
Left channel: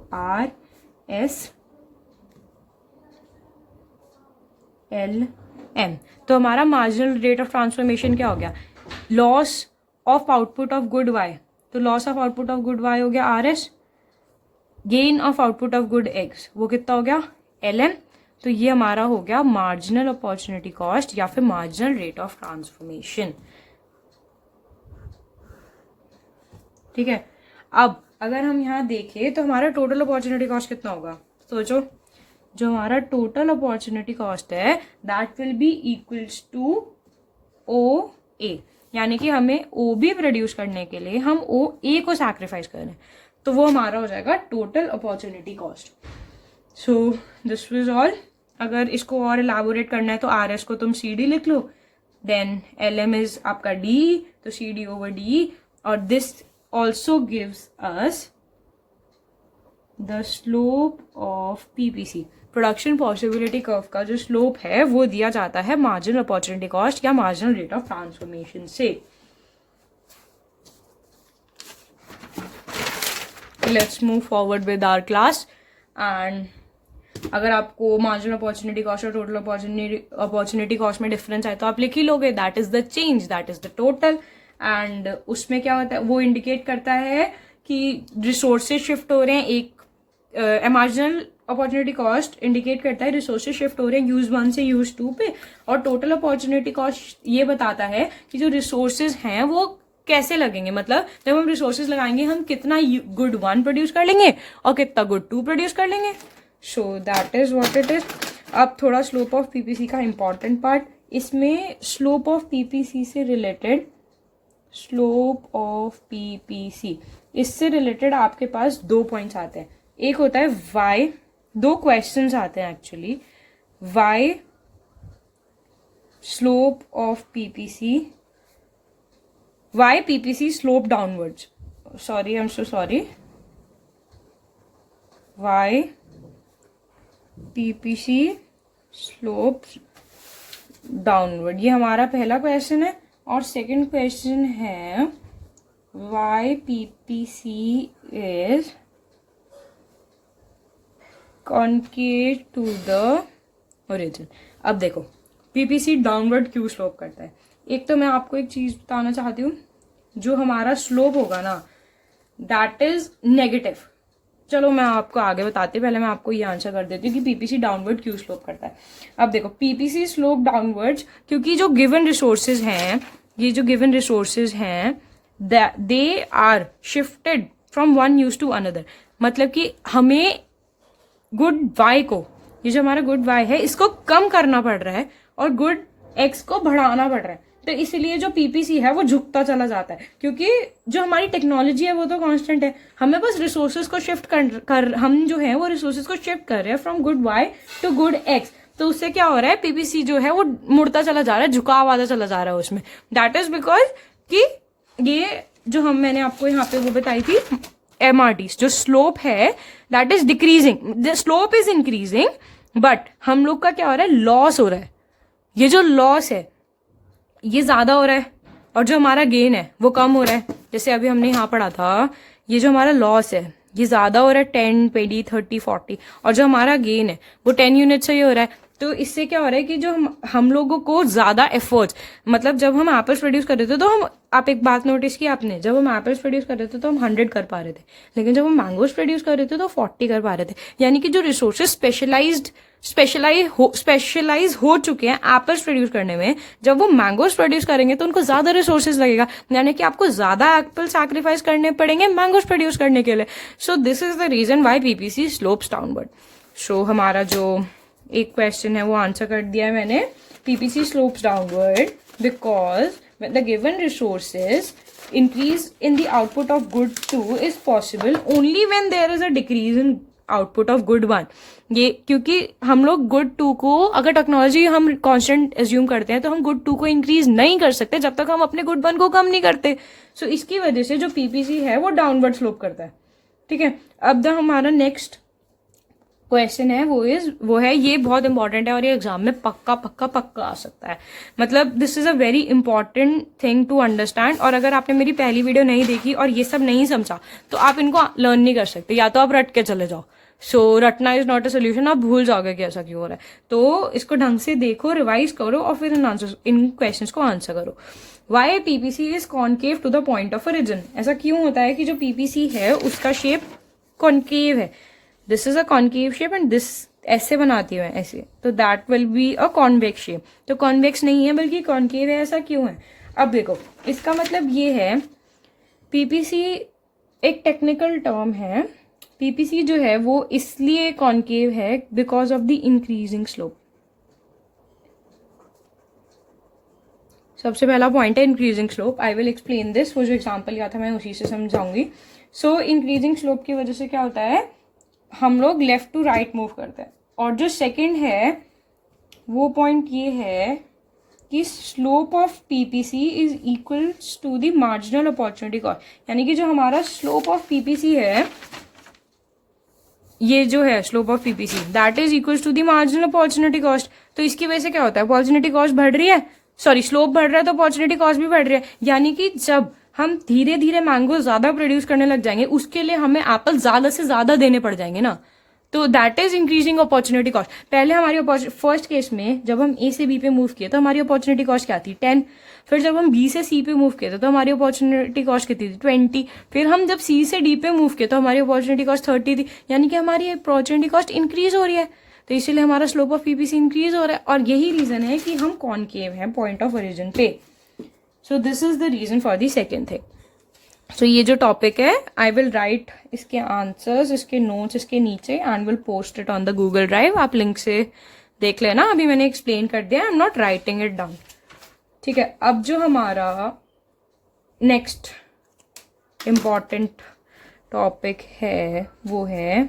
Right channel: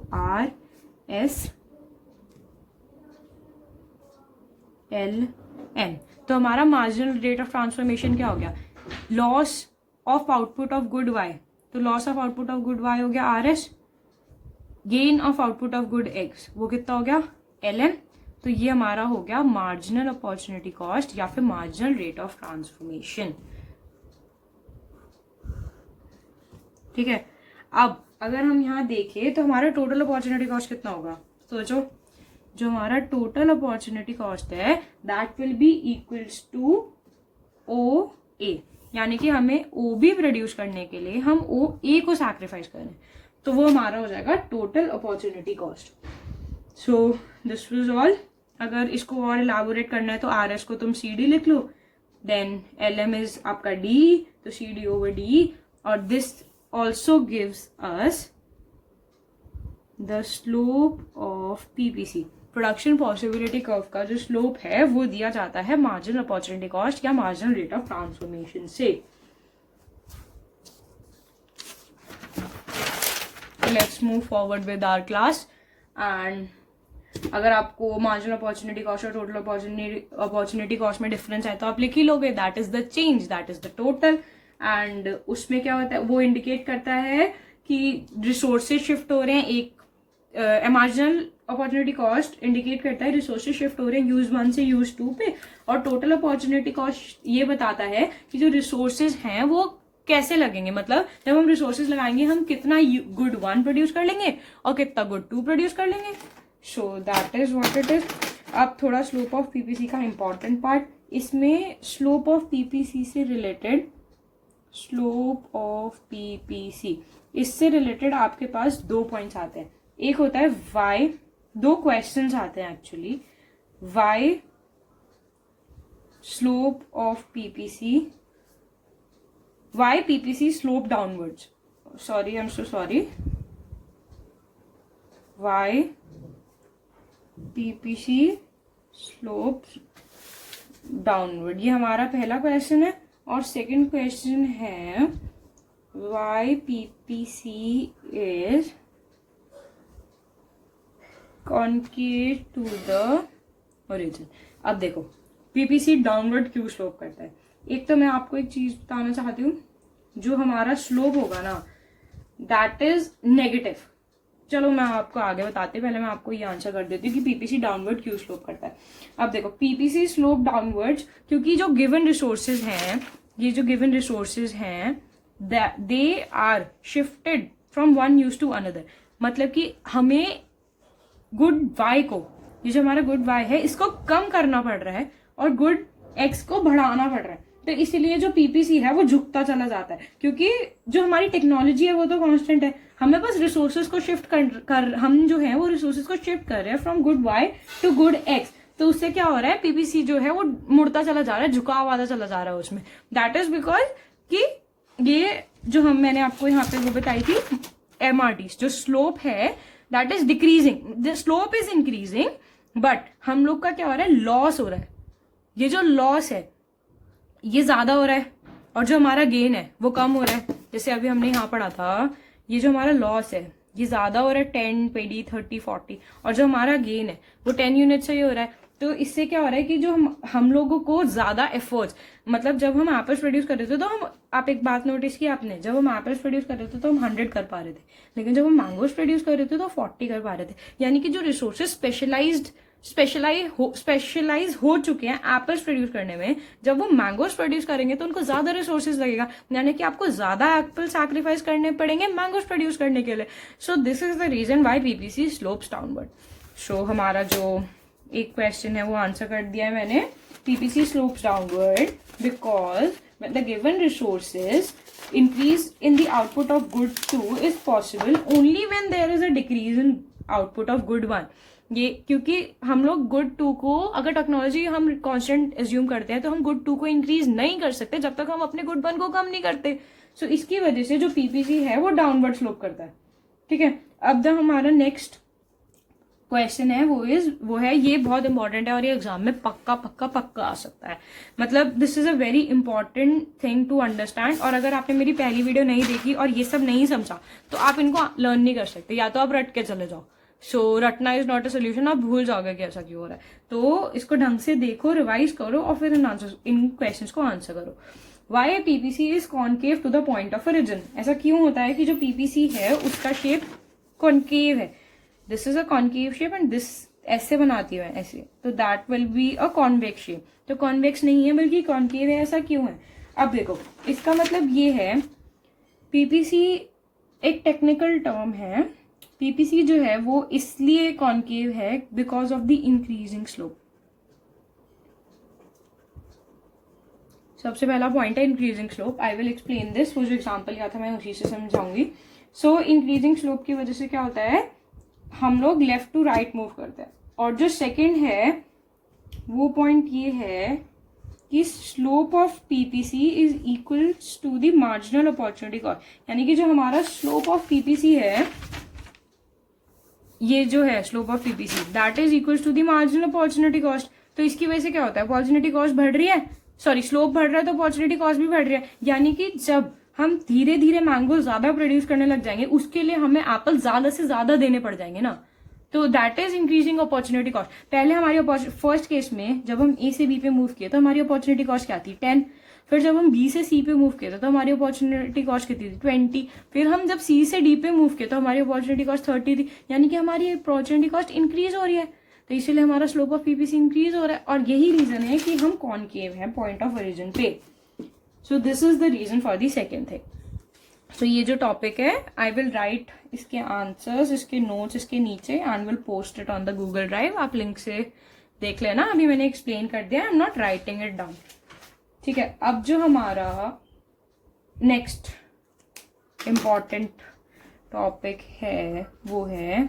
RSLM। तो हमारा मार्जिनल रेट ऑफ ट्रांसफॉर्मेशन क्या हो गया, loss of output of good Y, तो loss of output of good Y हो गया RS, gain of output of good X वो कितना हो गया LM। तो ये हमारा हो गया मार्जिनल अपॉर्चुनिटी कॉस्ट या फिर मार्जिनल रेट ऑफ ट्रांसफॉर्मेशन। ठीक है, अब अगर हम यहाँ देखें तो हमारा टोटल अपॉर्चुनिटी कॉस्ट कितना होगा, सोचो। जो हमारा टोटल अपॉर्चुनिटी कॉस्ट है that will be equals to OA, यानी कि हमें OB प्रोड्यूस करने के लिए हम OA को सैक्रिफाइस करें, तो वो हमारा हो जाएगा total opportunity cost. So this was all. अगर इसको और इलाबोरेट करना है तो RS को तुम CD लिख लो, देन LM इज आपका D, तो CD ओवर D, और this also gives us the slope of PPC, production possibility curve का जो स्लोप है वो दिया जाता है मार्जिनल अपॉर्चुनिटी कॉस्ट या मार्जिनल रेट ऑफ ट्रांसफॉर्मेशन से। Let's move forward with our class. And अगर आपको मार्जिनल अपॉर्चुनिटी कॉस्ट और टोटल अपॉर्चुनिटी कॉस्ट में डिफरेंस है तो आप लिख ही लोगे, that is the change, that is the total. And उसमें क्या होता है, वो इंडिकेट करता है कि रिसोर्सेज शिफ्ट हो रहे हैं, एक मार्जिनल अपॉर्चुनिटी कॉस्ट इंडिकेट करता है रिसोर्सेज शिफ्ट हो रहे हैं यूज 1 से यूज 2 पे, और टोटल अपॉर्चुनिटी कॉस्ट ये बताता है कि जो रिसोर्सेज हैं वो कैसे लगेंगे, मतलब जब हम रिसोर्सेज लगाएंगे हम कितना गुड 1 प्रोड्यूस कर लेंगे और कितना गुड 2 प्रोड्यूस कर लेंगे। So that is what it is. अब थोड़ा स्लोप ऑफ PPC का इंपॉर्टेंट पार्ट, इसमें स्लोप ऑफ PPC से रिलेटेड, स्लोप ऑफ PPC इससे रिलेटेड आपके पास 2 पॉइंट्स आते हैं। एक होता है Y, 2 क्वेश्चंस आते हैं actually, Y slope of PPC, Y PPC slope downwards, sorry I am so sorry, Y PPC slope downward, ये हमारा पहला क्वेश्चन है। और सेकंड क्वेश्चन है Y PPC is concave to the origin. अब देखो PPC डाउनवर्ड क्यों स्लोप करता है। एक तो मैं आपको एक चीज बताना चाहती हूँ, जो हमारा स्लोप होगा ना दैट इज नेगेटिव। चलो मैं आपको आगे बताती हूँ, पहले मैं आपको ये आंसर कर देती हूँ कि PPC डाउनवर्ड क्यों स्लोप करता है। अब देखो PPC स्लोप डाउनवर्ड्स क्योंकि जो गिवन रिसोर्सेज हैं, ये जो गिवन रिसोर्सेज हैं they are shifted from one use to another. मतलब कि हमें गुड वाई को, ये जो हमारा गुड वाई है इसको कम करना पड़ रहा है और गुड एक्स को बढ़ाना पड़ रहा है। तो इसलिए जो पीपीसी है वो झुकता चला जाता है, क्योंकि जो हमारी टेक्नोलॉजी है वो तो कांस्टेंट है, हमें बस रिसोर्सेज को शिफ्ट कर हम जो है वो रिसोर्सेज को शिफ्ट कर रहे हैं from good Y to good X. तो उससे क्या हो रहा है, पीपीसी जो है वो मुड़ता चला जा रहा है, झुकाव आता चला जा रहा है उसमें। दैट इज बिकॉज कि ये जो मैंने आपको यहाँ पे वो बताई थी एमआरटी, जो स्लोप है that is decreasing, the slope is increasing but हम लोग का क्या हो रहा है, लॉस हो रहा है। ये जो लॉस है ये ज्यादा हो रहा है और जो हमारा गेन है वो कम हो रहा है। जैसे अभी हमने यहाँ पढ़ा था, ये जो हमारा लॉस है ये ज्यादा हो रहा है 10, 20, 30, 40, और जो हमारा गेन है वो 10 यूनिट से ही हो रहा है। तो इससे क्या हो रहा है कि जो हम लोगों को ज्यादा एफर्ट्स, मतलब जब हम एप्पल्स प्रोड्यूस कर रहे थे तो हम, आप एक बात नोटिस की आपने, जब हम एप्पल्स प्रोड्यूस कर रहे थे तो हम 100 कर पा रहे थे, लेकिन जब हम मैंगोज प्रोड्यूस कर रहे थे तो 40 कर पा रहे थे। यानी कि जो रिसोर्सेज स्पेशलाइज हो चुके हैं एप्पल्स प्रोड्यूस करने में, जब वो मैंगोज प्रोड्यूस करेंगे तो उनको ज्यादा रिसोर्सेज लगेगा, यानी कि आपको ज्यादा एप्पल सैक्रिफाइस करने पड़ेंगे मैंगोज प्रोड्यूस करने के लिए। So this is the reason why PPC slopes downward. So हमारा जो एक क्वेश्चन है वो आंसर कर दिया है मैंने, PPC slopes downward because the given resources increase in the output of good 2 is possible only when there is a decrease in output of good 1। ये क्योंकि हम लोग गुड 2 को, अगर टेक्नोलॉजी हम कांस्टेंट एज्यूम करते हैं तो हम गुड 2 को इंक्रीज नहीं कर सकते जब तक हम अपने गुड 1 को कम नहीं करते। सो इसकी वजह से जो पीपीसी है वो डाउनवर्ड स्लोप करता है। ठीक है, अब हमारा नेक्स्ट क्वेश्चन है वो है ये बहुत इंपॉर्टेंट है और ये एग्जाम में पक्का पक्का पक्का आ सकता है। मतलब this is a very important thing to understand, और अगर आपने मेरी पहली वीडियो नहीं देखी और ये सब नहीं समझा तो आप इनको लर्न नहीं कर सकते, या तो आप रट के चले जाओ। सो रटना इज नॉट अ सोल्यूशन, आप भूल जाओगे कि ऐसा क्यों हो रहा है। तो इसको ढंग से देखो, रिवाइज करो और फिर इन क्वेश्चन को आंसर करो। Why PPC is concave to the point of origin. ऐसा क्यों होता है कि जो पीपीसी है उसका शेप कॉन्केव है, this is a concave shape and this ऐसे बनाती है ऐसे, तो that will be a convex shape. तो कॉन्वेक्स नहीं है बल्कि कॉन्केव है, ऐसा क्यों है? अब देखो, इसका मतलब ये है, पीपीसी एक टेक्निकल टर्म है, पीपीसी जो है वो इसलिए कॉन्केव है because of the increasing slope. सबसे पहला पॉइंट है increasing slope. I will explain this, वो जो एग्जाम्पल लिया था मैं उसी से समझाऊंगी। सो इंक्रीजिंग स्लोप की वजह से क्या होता है, हम लोग लेफ्ट टू राइट मूव करते हैं। और जो सेकंड है वो पॉइंट ये है कि slope of PPC is equal to the marginal opportunity cost. यानी कि जो हमारा स्लोप ऑफ पीपीसी है, ये जो है slope of PPC that is equal to the marginal opportunity cost. तो इसकी वजह से क्या होता है, अपॉर्चुनिटी कॉस्ट बढ़ रही है, सॉरी स्लोप बढ़ रहा है तो अपॉर्चुनिटी कॉस्ट भी बढ़ रही है। यानी कि जब हम धीरे धीरे मैंगो ज्यादा प्रोड्यूस करने लग जाएंगे उसके लिए हमें एप्पल ज्यादा से ज्यादा देने पड़ जाएंगे ना, तो that is increasing opportunity cost. पहले हमारी फर्स्ट केस में जब हम ए से बी पे मूव किए तो हमारी अपॉर्चुनिटी कॉस्ट क्या थी, 10। फिर जब हम बी से सी पे मूव किए तो हमारी अपॉर्चुनिटी कॉस्ट कितनी थी, 20। फिर हम जब सी से डी पे मूव किए तो हमारी अपॉर्चुनिटी कॉस्ट 30 थी। यानी कि हमारी अपॉर्चुनिटी कॉस्ट इंक्रीज हो रही है, तो इसीलिए हमारा स्लोप ऑफ पीपीसी इंक्रीज हो रहा है। और यही रीजन है कि हम कॉनकेव हैं पॉइंट ऑफ ओरिजिन पे। So this is the reason for the second thing. So ये जो टॉपिक है, आई विल राइट इसके आंसर्स, इसके नोट्स इसके नीचे and will post it on the Google drive. आप लिंक से देख लेना, अभी मैंने एक्सप्लेन कर दिया, I am not writing it down. ठीक है, अब जो हमारा नेक्स्ट इम्पॉर्टेंट टॉपिक है वो है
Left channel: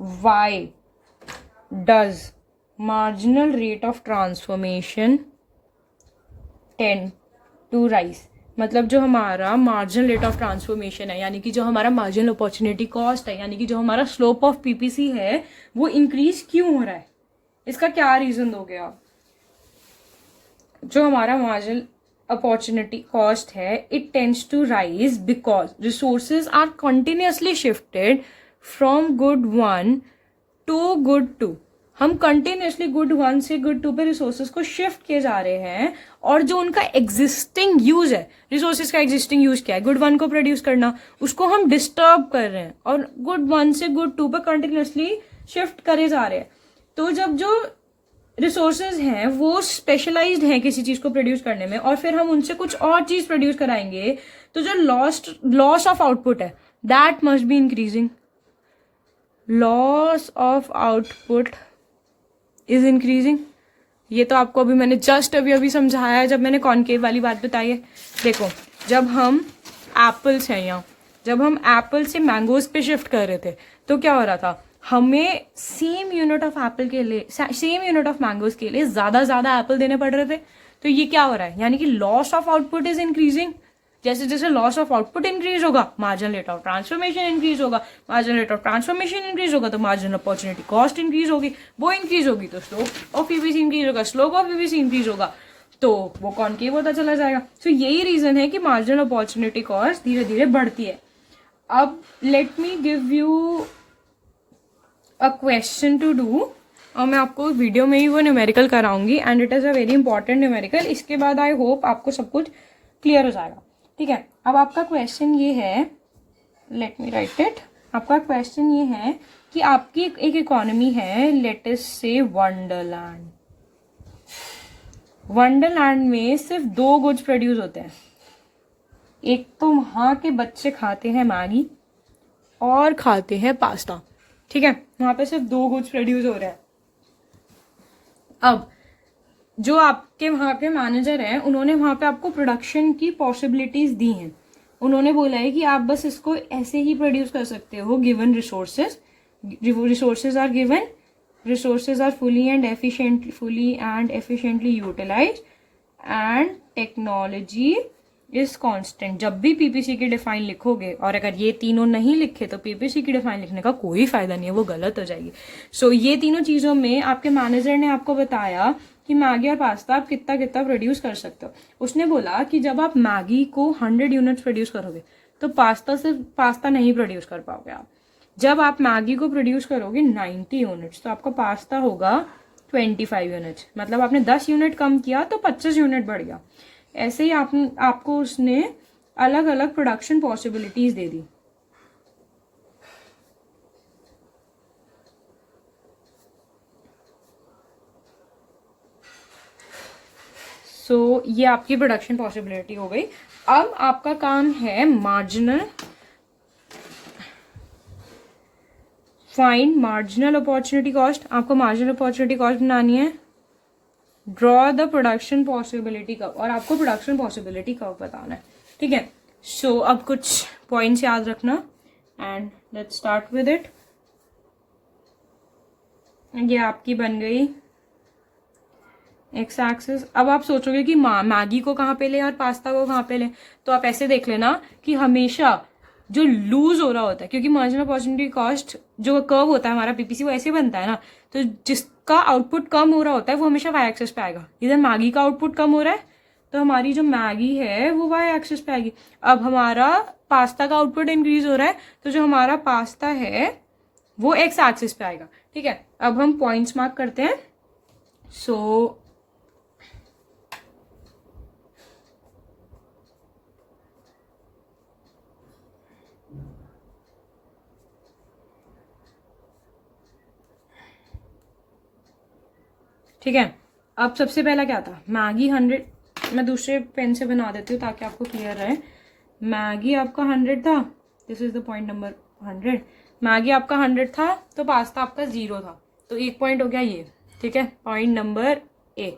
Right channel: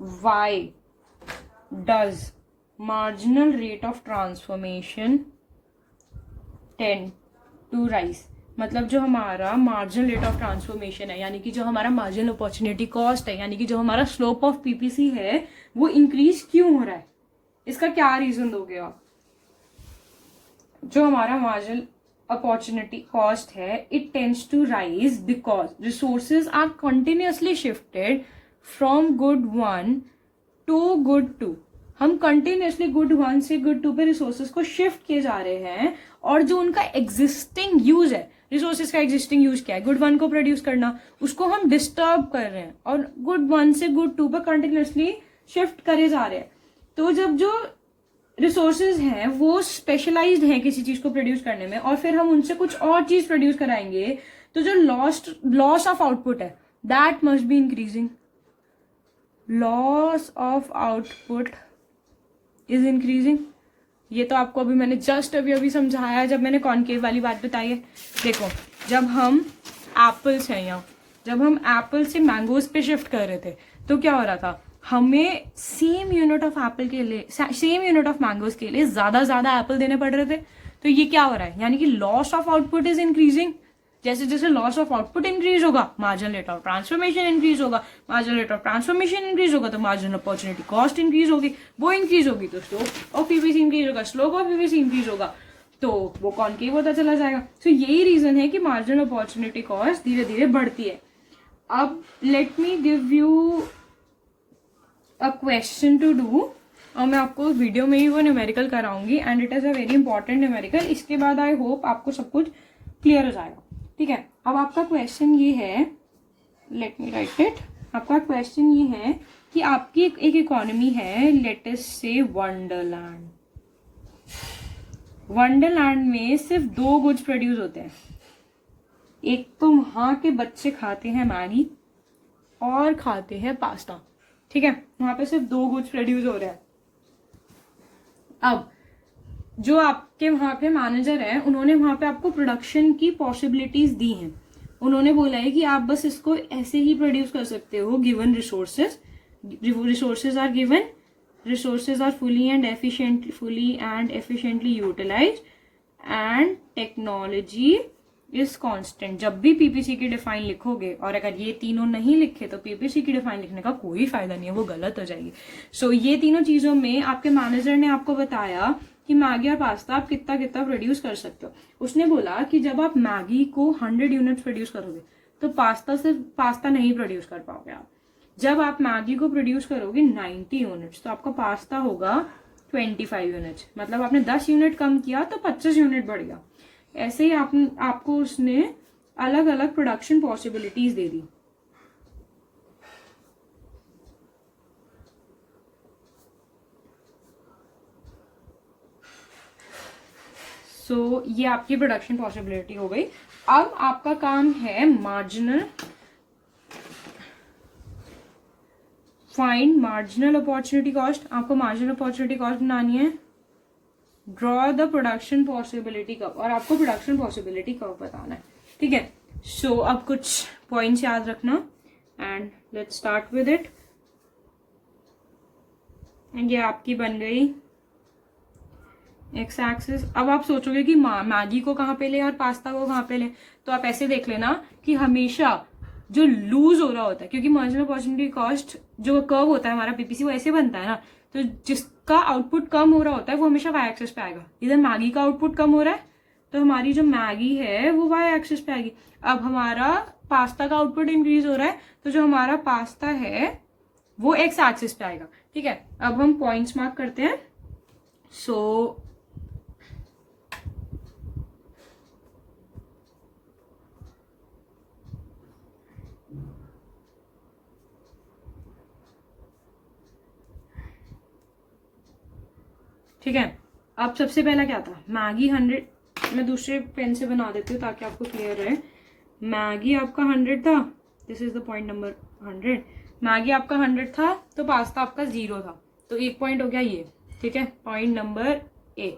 why does marginal rate of transformation tend to rise. मतलब जो हमारा मार्जिनल रेट ऑफ ट्रांसफॉर्मेशन है, यानी कि जो हमारा मार्जिनल अपॉर्चुनिटी कॉस्ट है, यानी कि जो हमारा स्लोप ऑफ पीपीसी है वो इंक्रीज क्यों हो रहा है, इसका क्या रीजन दोगे आप? जो हमारा मार्जिनल अपॉर्चुनिटी कॉस्ट है, it tends to rise because resources are continuously shifted from good 1 to good 2। हम कंटिन्यूअसली गुड 1 से गुड 2 पे रिसोर्सेज को शिफ्ट किए जा रहे हैं, और जो उनका एग्जिस्टिंग यूज है, रिसोर्सेज का एग्जिस्टिंग यूज क्या है, गुड 1 को प्रोड्यूस करना, उसको हम डिस्टर्ब कर रहे हैं और गुड 1 से गुड 2 पे कंटिन्यूअसली शिफ्ट करे जा रहे हैं। तो जब जो रिसोर्सेज हैं वो स्पेशलाइज्ड हैं किसी चीज को प्रोड्यूस करने में, और फिर हम उनसे कुछ और चीज प्रोड्यूस कराएंगे, तो जो लॉस ऑफ आउटपुट है that must be increasing. Loss of output is increasing. ये तो आपको अभी मैंने जस्ट अभी समझाया है जब मैंने कॉनकेव वाली बात बताई है. देखो, जब हम एप्पल्स हैं यहाँ, जब हम एप्पल से मैंगोज पे शिफ्ट कर रहे थे तो क्या हो रहा था, हमें सेम यूनिट ऑफ एप्पल के लिए, सेम यूनिट ऑफ मैंगोज के लिए ज्यादा एप्पल देने पड़ रहे थे. तो ये क्या हो रहा है, यानी कि loss of output is increasing. जैसे जैसे लॉस ऑफ आउटपुट इंक्रीज होगा, marginal rate of transformation increase होगा. Marginal rate of transformation increase होगा तो मार्जिनल अपॉर्चुनिटी कॉस्ट इंक्रीज होगी. वो इंक्रीज होगी तो स्लोप ऑफ पीवीसी इंक्रीज होगा. स्लोप ऑफ पीवीसी इंक्रीज होगा तो वो कॉनकेव होता चला जाएगा. तो यही रीजन है कि मार्जिनल अपॉर्चुनिटी कॉस्ट धीरे धीरे बढ़ती है. अब let me give you a question to do, और मैं आपको वीडियो में ही वो न्यूमेरिकल कराऊंगी, and it is a very important numerical. इसके बाद आई होप आपको सब कुछ क्लियर हो जाएगा. ठीक है, अब आपका क्वेश्चन ये है, लेट मी राइट इट. आपका क्वेश्चन ये है कि आपकी एक इकोनॉमी है, लेट अस से वंडरलैंड. वंडरलैंड में सिर्फ 2 गुड्स प्रोड्यूस होते हैं. एक तो वहां के बच्चे खाते हैं मैगी और खाते हैं पास्ता. ठीक है, वहां पे सिर्फ 2 गुड्स प्रोड्यूस हो रहे हैं. अब जो आपके वहां के मैनेजर हैं, उन्होंने वहां पे आपको प्रोडक्शन की पॉसिबिलिटीज दी हैं. उन्होंने बोला है कि आप बस इसको ऐसे ही प्रोड्यूस कर सकते हो given resources. Resources are given, resources are fully and efficiently utilized and technology is constant. जब भी पीपीसी की डिफाइन लिखोगे, और अगर ये तीनों नहीं लिखे तो पीपीसी की डिफाइन लिखने का कोई फायदा नहीं है, वो गलत हो जाएगी. सो ये तीनों चीजों में आपके मैनेजर ने आपको बताया कि मैगी और पास्ता आप कितना कितना प्रोड्यूस कर सकते हो. उसने बोला कि जब आप मैगी को 100 यूनिट्स प्रोड्यूस करोगे तो पास्ता नहीं प्रोड्यूस कर पाओगे आप. जब आप मैगी को प्रोड्यूस करोगे 90 यूनिट्स तो आपका पास्ता होगा 25 यूनिट्स. मतलब आपने 10 यूनिट कम किया तो 25 यूनिट बढ़ गया. ऐसे ही आपको उसने अलग अलग प्रोडक्शन पॉसिबिलिटीज दे दी. सो ये आपकी प्रोडक्शन पॉसिबिलिटी हो गई. अब आपका काम है फाइंड मार्जिनल अपॉर्चुनिटी कॉस्ट. आपको मार्जिनल अपॉर्चुनिटी कॉस्ट बनानी है. Draw the production possibility curve, और आपको प्रोडक्शन पॉसिबिलिटी कर्व बताना है. ठीक है, सो अब कुछ पॉइंट्स याद रखना and let's start with it. ये आपकी बन गई एक्स एक्सिस. अब आप सोचोगे कि मैगी को कहाँ पे ले और पास्ता को कहाँ पे ले, तो आप ऐसे देख लेना कि हमेशा जो लूज हो रहा होता है, क्योंकि मार्जिनल अपॉर्चुनिटी कॉस्ट जो कर्व होता है हमारा पीपीसी वो ऐसे बनता है ना, तो जिसका आउटपुट कम हो रहा होता है वो हमेशा वाई एक्सिस पे आएगा. इधर मैगी का आउटपुट कम हो रहा है तो हमारी जो मैगी है वो वाई एक्सिस पे आएगी. अब हमारा पास्ता का आउटपुट इंक्रीज हो रहा है तो जो हमारा पास्ता है वो एक्स एक्सिस पे आएगा. ठीक है, अब हम पॉइंट्स मार्क करते हैं. सो ठीक है, अब सबसे पहला क्या था, मैगी 100. मैं दूसरे पेन से बना देती हूँ ताकि आपको क्लियर रहे. मैगी आपका 100 था, this is the point number 100. Maggi आपका 100 था तो पास्ता आपका 0 था, तो 1 पॉइंट हो गया ये. ठीक है, पॉइंट नंबर ए.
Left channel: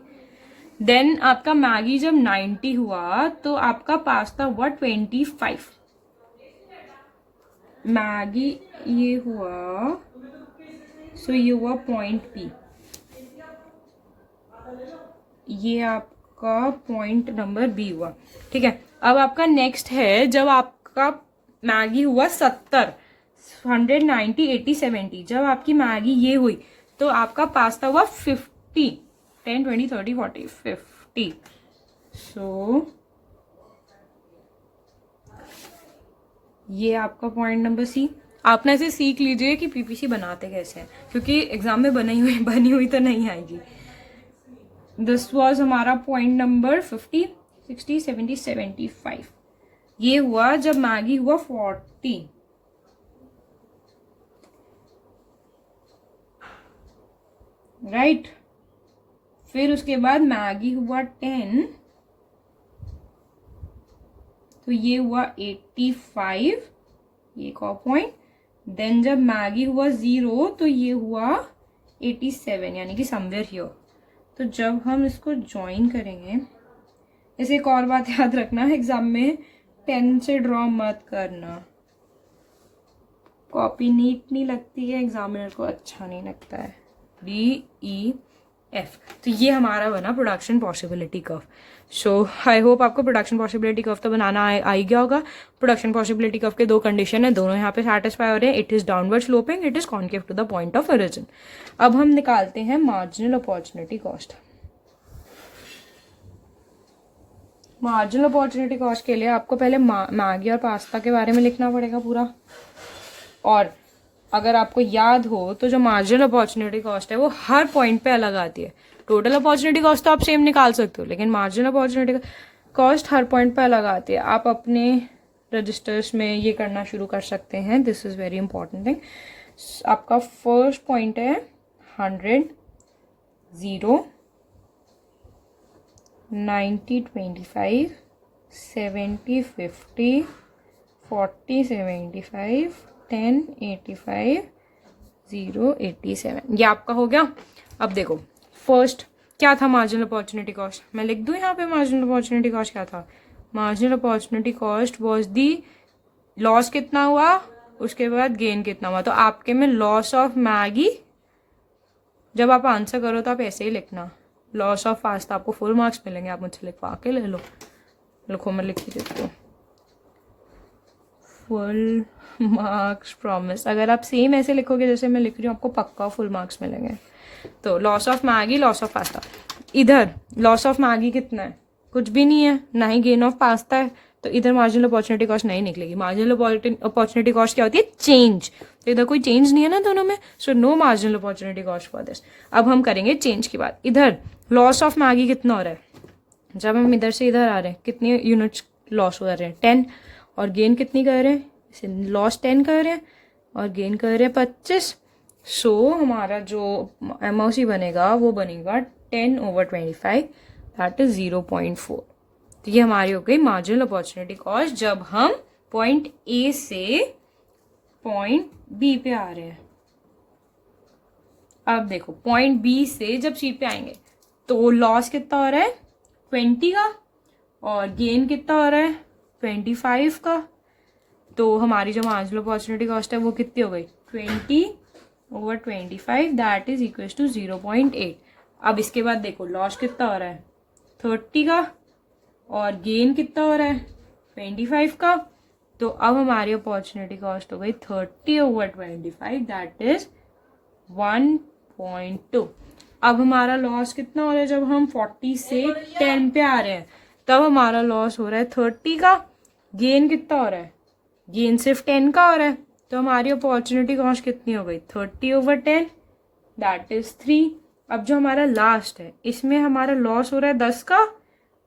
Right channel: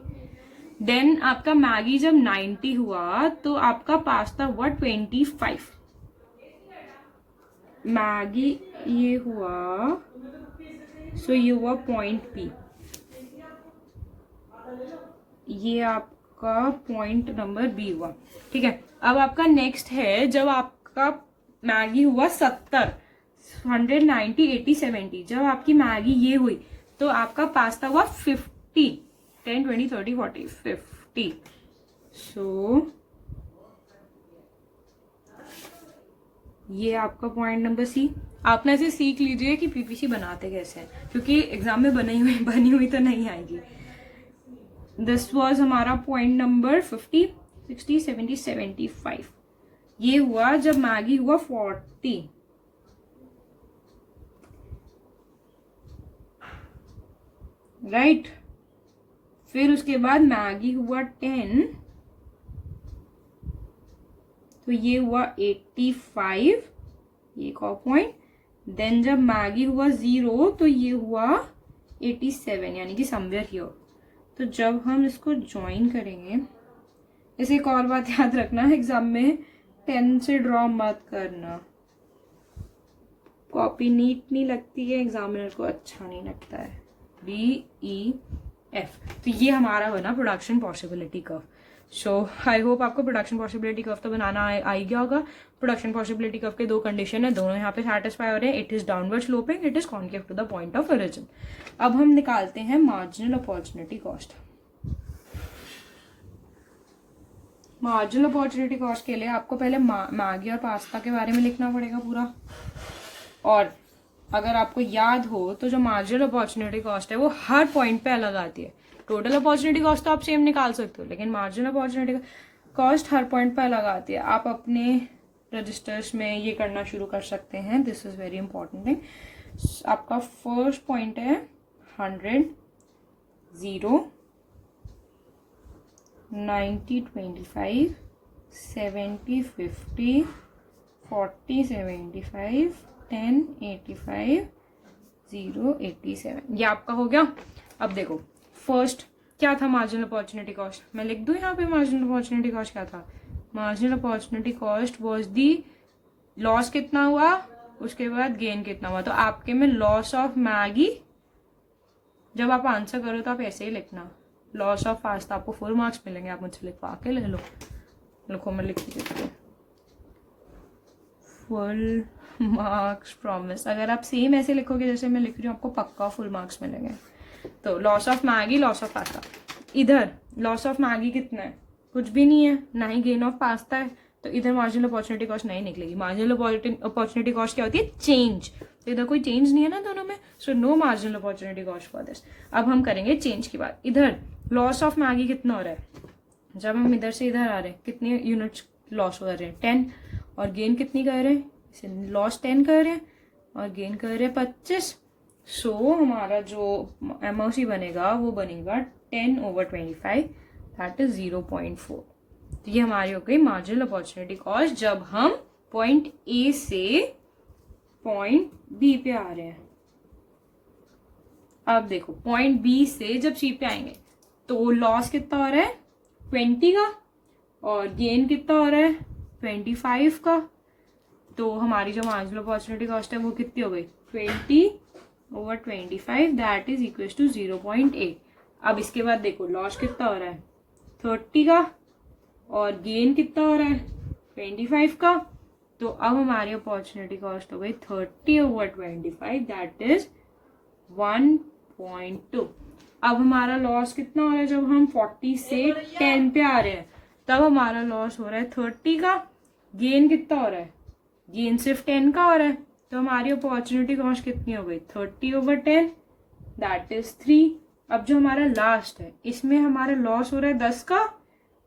देन आपका मैगी जब 90 हुआ तो आपका पास्ता हुआ 25. मैगी ये हुआ, सो ये हुआ पॉइंट बी. ये आपका पॉइंट नंबर बी हुआ. ठीक है, अब आपका नेक्स्ट है जब आपका मैगी हुआ 70, 100, 90, 80, 70. जब आपकी मैगी ये हुई तो आपका पास्ता हुआ 50. 10, 20, 30, 40, 50. सो ये आपका पॉइंट नंबर सी. आप ना इसे सीख लीजिए कि पीपीसी बनाते कैसे हैं, क्योंकि एग्जाम में बनी हुई तो नहीं आएगी. दिस वॉज हमारा पॉइंट नंबर 50, 60, 70, 75. ये हुआ जब मैगी हुआ 40. राइट. फिर उसके बाद मैगी हुआ 10, तो ये हुआ 85, ये एक और पॉइंट। देन जब मैगी हुआ 0 तो ये हुआ 87, यानी कि समवेयर हियर। तो जब हम इसको ज्वाइन करेंगे, इसे एक और बात याद रखना, एग्जाम में 10 से ड्रॉ मत करना, कॉपी नीट नहीं लगती है, एग्जामिनर को अच्छा नहीं लगता है। DEF, तो ये हमारा बना production possibility curve. So I hope आपको प्रोडक्शन पॉसिबिलिटी कर्व तो बनाना आ ही गया होगा। प्रोडक्शन पॉसिबिलिटी कर्व के दो कंडीशन है, दोनों यहाँ पे सेटिस्फाई हो रहे हैं। It is downward sloping, it is concave to the point of origin. अब हम निकालते हैं marginal opportunity cost. Marginal opportunity cost के लिए आपको पहले मैगी और पास्ता के बारे में लिखना पड़ेगा पूरा। और अगर आपको याद हो तो जो मार्जिनल अपॉर्चुनिटी कॉस्ट है वो हर पॉइंट पे अलग आती है। टोटल अपॉर्चुनिटी कॉस्ट तो आप सेम निकाल सकते हो, लेकिन मार्जिनल अपॉर्चुनिटी कॉस्ट हर पॉइंट पे अलग आती है। आप अपने रजिस्टर्स में ये करना शुरू कर सकते हैं। This is very important thing. आपका फर्स्ट पॉइंट है 100, 0, 90, 25, 70, 50, 40, 75, 10, 85, 0, 87, ये आपका हो गया। अब देखो फर्स्ट क्या था मार्जिनल अपॉर्चुनिटी कॉस्ट, मैं लिख दूं यहाँ पे मार्जिनल अपॉर्चुनिटी कॉस्ट क्या था। Marginal opportunity cost was the loss कितना हुआ, उसके बाद गेन कितना हुआ। तो आपके में लॉस ऑफ मैगी, जब आप आंसर करो तो आप ऐसे ही लिखना, लॉस ऑफ पास्ता, आपको फुल मार्क्स मिलेंगे। आप मुझसे लिखवा के ले लो, लिखो, मैं लिख देती हूँ, फुल मार्क्स प्रॉमिस। अगर आप सेम ऐसे लिखोगे जैसे मैं लिख रही हूँ, आपको पक्का फुल मार्क्स मिलेंगे। तो loss of Maggi, loss of pasta. इधर लॉस ऑफ मैगी कितना है, कुछ भी नहीं है, ना ही गेन ऑफ पास्ता है, तो इधर मार्जिनल अपॉर्चुनिटी कॉस्ट नहीं निकलेगी। मार्जिनल अपॉर्चुनिटी कॉस्ट क्या होती है, चेंज। तो इधर कोई चेंज नहीं है ना दोनों में, so no marginal opportunity cost for this. अब हम करेंगे चेंज की बात। इधर लॉस ऑफ मैगी कितना हो रहा है, जब हम इधर से इधर आ रहे हैं कितनी यूनिट्स लॉस हो रहे हैं, 10, और गेन कितनी कर रहे हैं, लॉस 10 कर रहे हैं और गेन कर रहे हैं 25। सो हमारा जो MOC बनेगा वो बनेगा 10/25, दैट इज 0.4। तो ये हमारी हो गई मार्जिनल अपॉर्चुनिटी कॉस्ट जब हम पॉइंट A से पॉइंट B पे आ रहे हैं। अब देखो पॉइंट B से जब C पे आएंगे तो लॉस कितना हो रहा है 20 का, और गेन कितना हो रहा है 25 का। तो हमारी जो मार्जिनल अपॉर्चुनिटी कॉस्ट है वो कितनी हो गई 20/25, दैट इज इक्वल टू 0.8। अब इसके बाद देखो लॉस कितना हो रहा है 30 का, और गेन कितना हो रहा है 25 का। तो अब हमारी अपॉर्चुनिटी कॉस्ट हो गई 30/25, दैट इज 1.2। अब हमारा लॉस कितना हो रहा है, जब हम 40 से 10 पे आ रहे हैं तब हमारा लॉस हो रहा है 30 का, गेन कितना हो रहा है, गेन सिर्फ 10 का हो रहा है। तो हमारी अपॉर्चुनिटी कॉस्ट कितनी हो गई 30/10, दैट इज 3। अब जो हमारा लास्ट है इसमें हमारा लॉस हो रहा है 10 का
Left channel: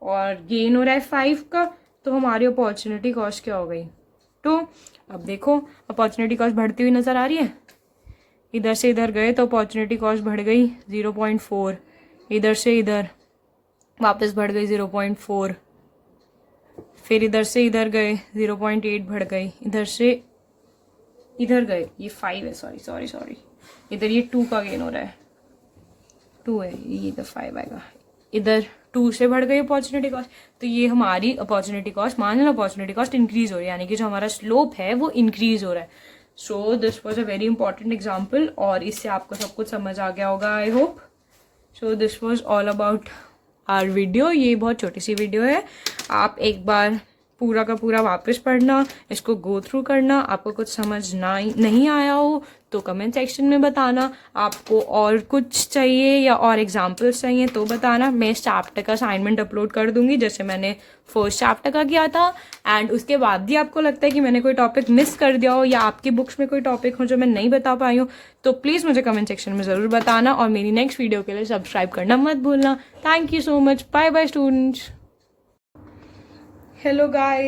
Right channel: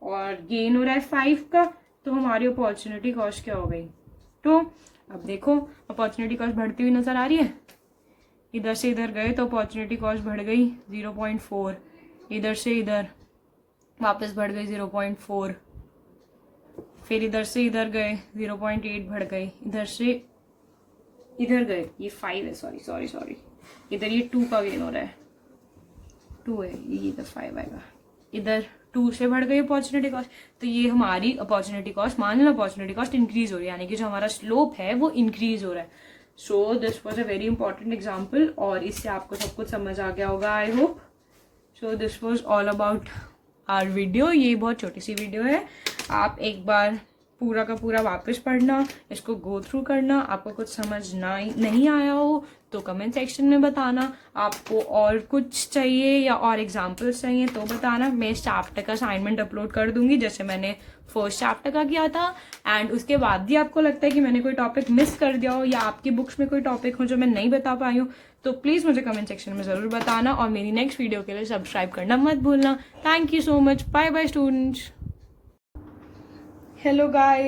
और गेन हो रहा है 5 का। तो हमारी अपॉर्चुनिटी कॉस्ट क्या हो गई 2। अब देखो अपॉर्चुनिटी कॉस्ट बढ़ती हुई नजर आ रही है। इधर से इधर गए तो अपॉर्चुनिटी कॉस्ट बढ़ गई 0.4, इधर से इधर वापस बढ़ गई 0.4, फिर इधर से इधर गए 0.8 बढ़ गई, इधर से इधर गए ये 5 है, सॉरी इधर ये 2 का गेन हो रहा है, 2 है, ये इधर 5 आएगा, इधर 2 से बढ़ गई अपॉर्चुनिटी कॉस्ट। तो ये हमारी opportunity cost, marginal opportunity cost increase हो रही है, यानी कि जो हमारा स्लोप है वो इंक्रीज हो रहा है। So this was a very important example, और इससे आपको सब कुछ समझ आ गया होगा I hope. So this was all about our video. ये बहुत छोटी सी वीडियो है, आप एक बार पूरा का पूरा वापस पढ़ना, इसको गो थ्रू करना। आपको कुछ समझ नहीं आया हो तो कमेंट सेक्शन में बताना। आपको और कुछ चाहिए या और एग्जाम्पल्स चाहिए तो बताना। मैं इस चैप्टर का असाइनमेंट अपलोड कर दूंगी जैसे मैंने फर्स्ट चैप्टर का किया था। एंड उसके बाद भी आपको लगता है कि मैंने कोई टॉपिक मिस कर दिया हो या आपकी बुक्स में कोई टॉपिक हो जो मैं नहीं बता पाई हूँ तो प्लीज़ मुझे कमेंट सेक्शन में ज़रूर बताना, और मेरी नेक्स्ट वीडियो के लिए सब्सक्राइब करना मत भूलना। Thank you so much, bye bye students. Hello guys.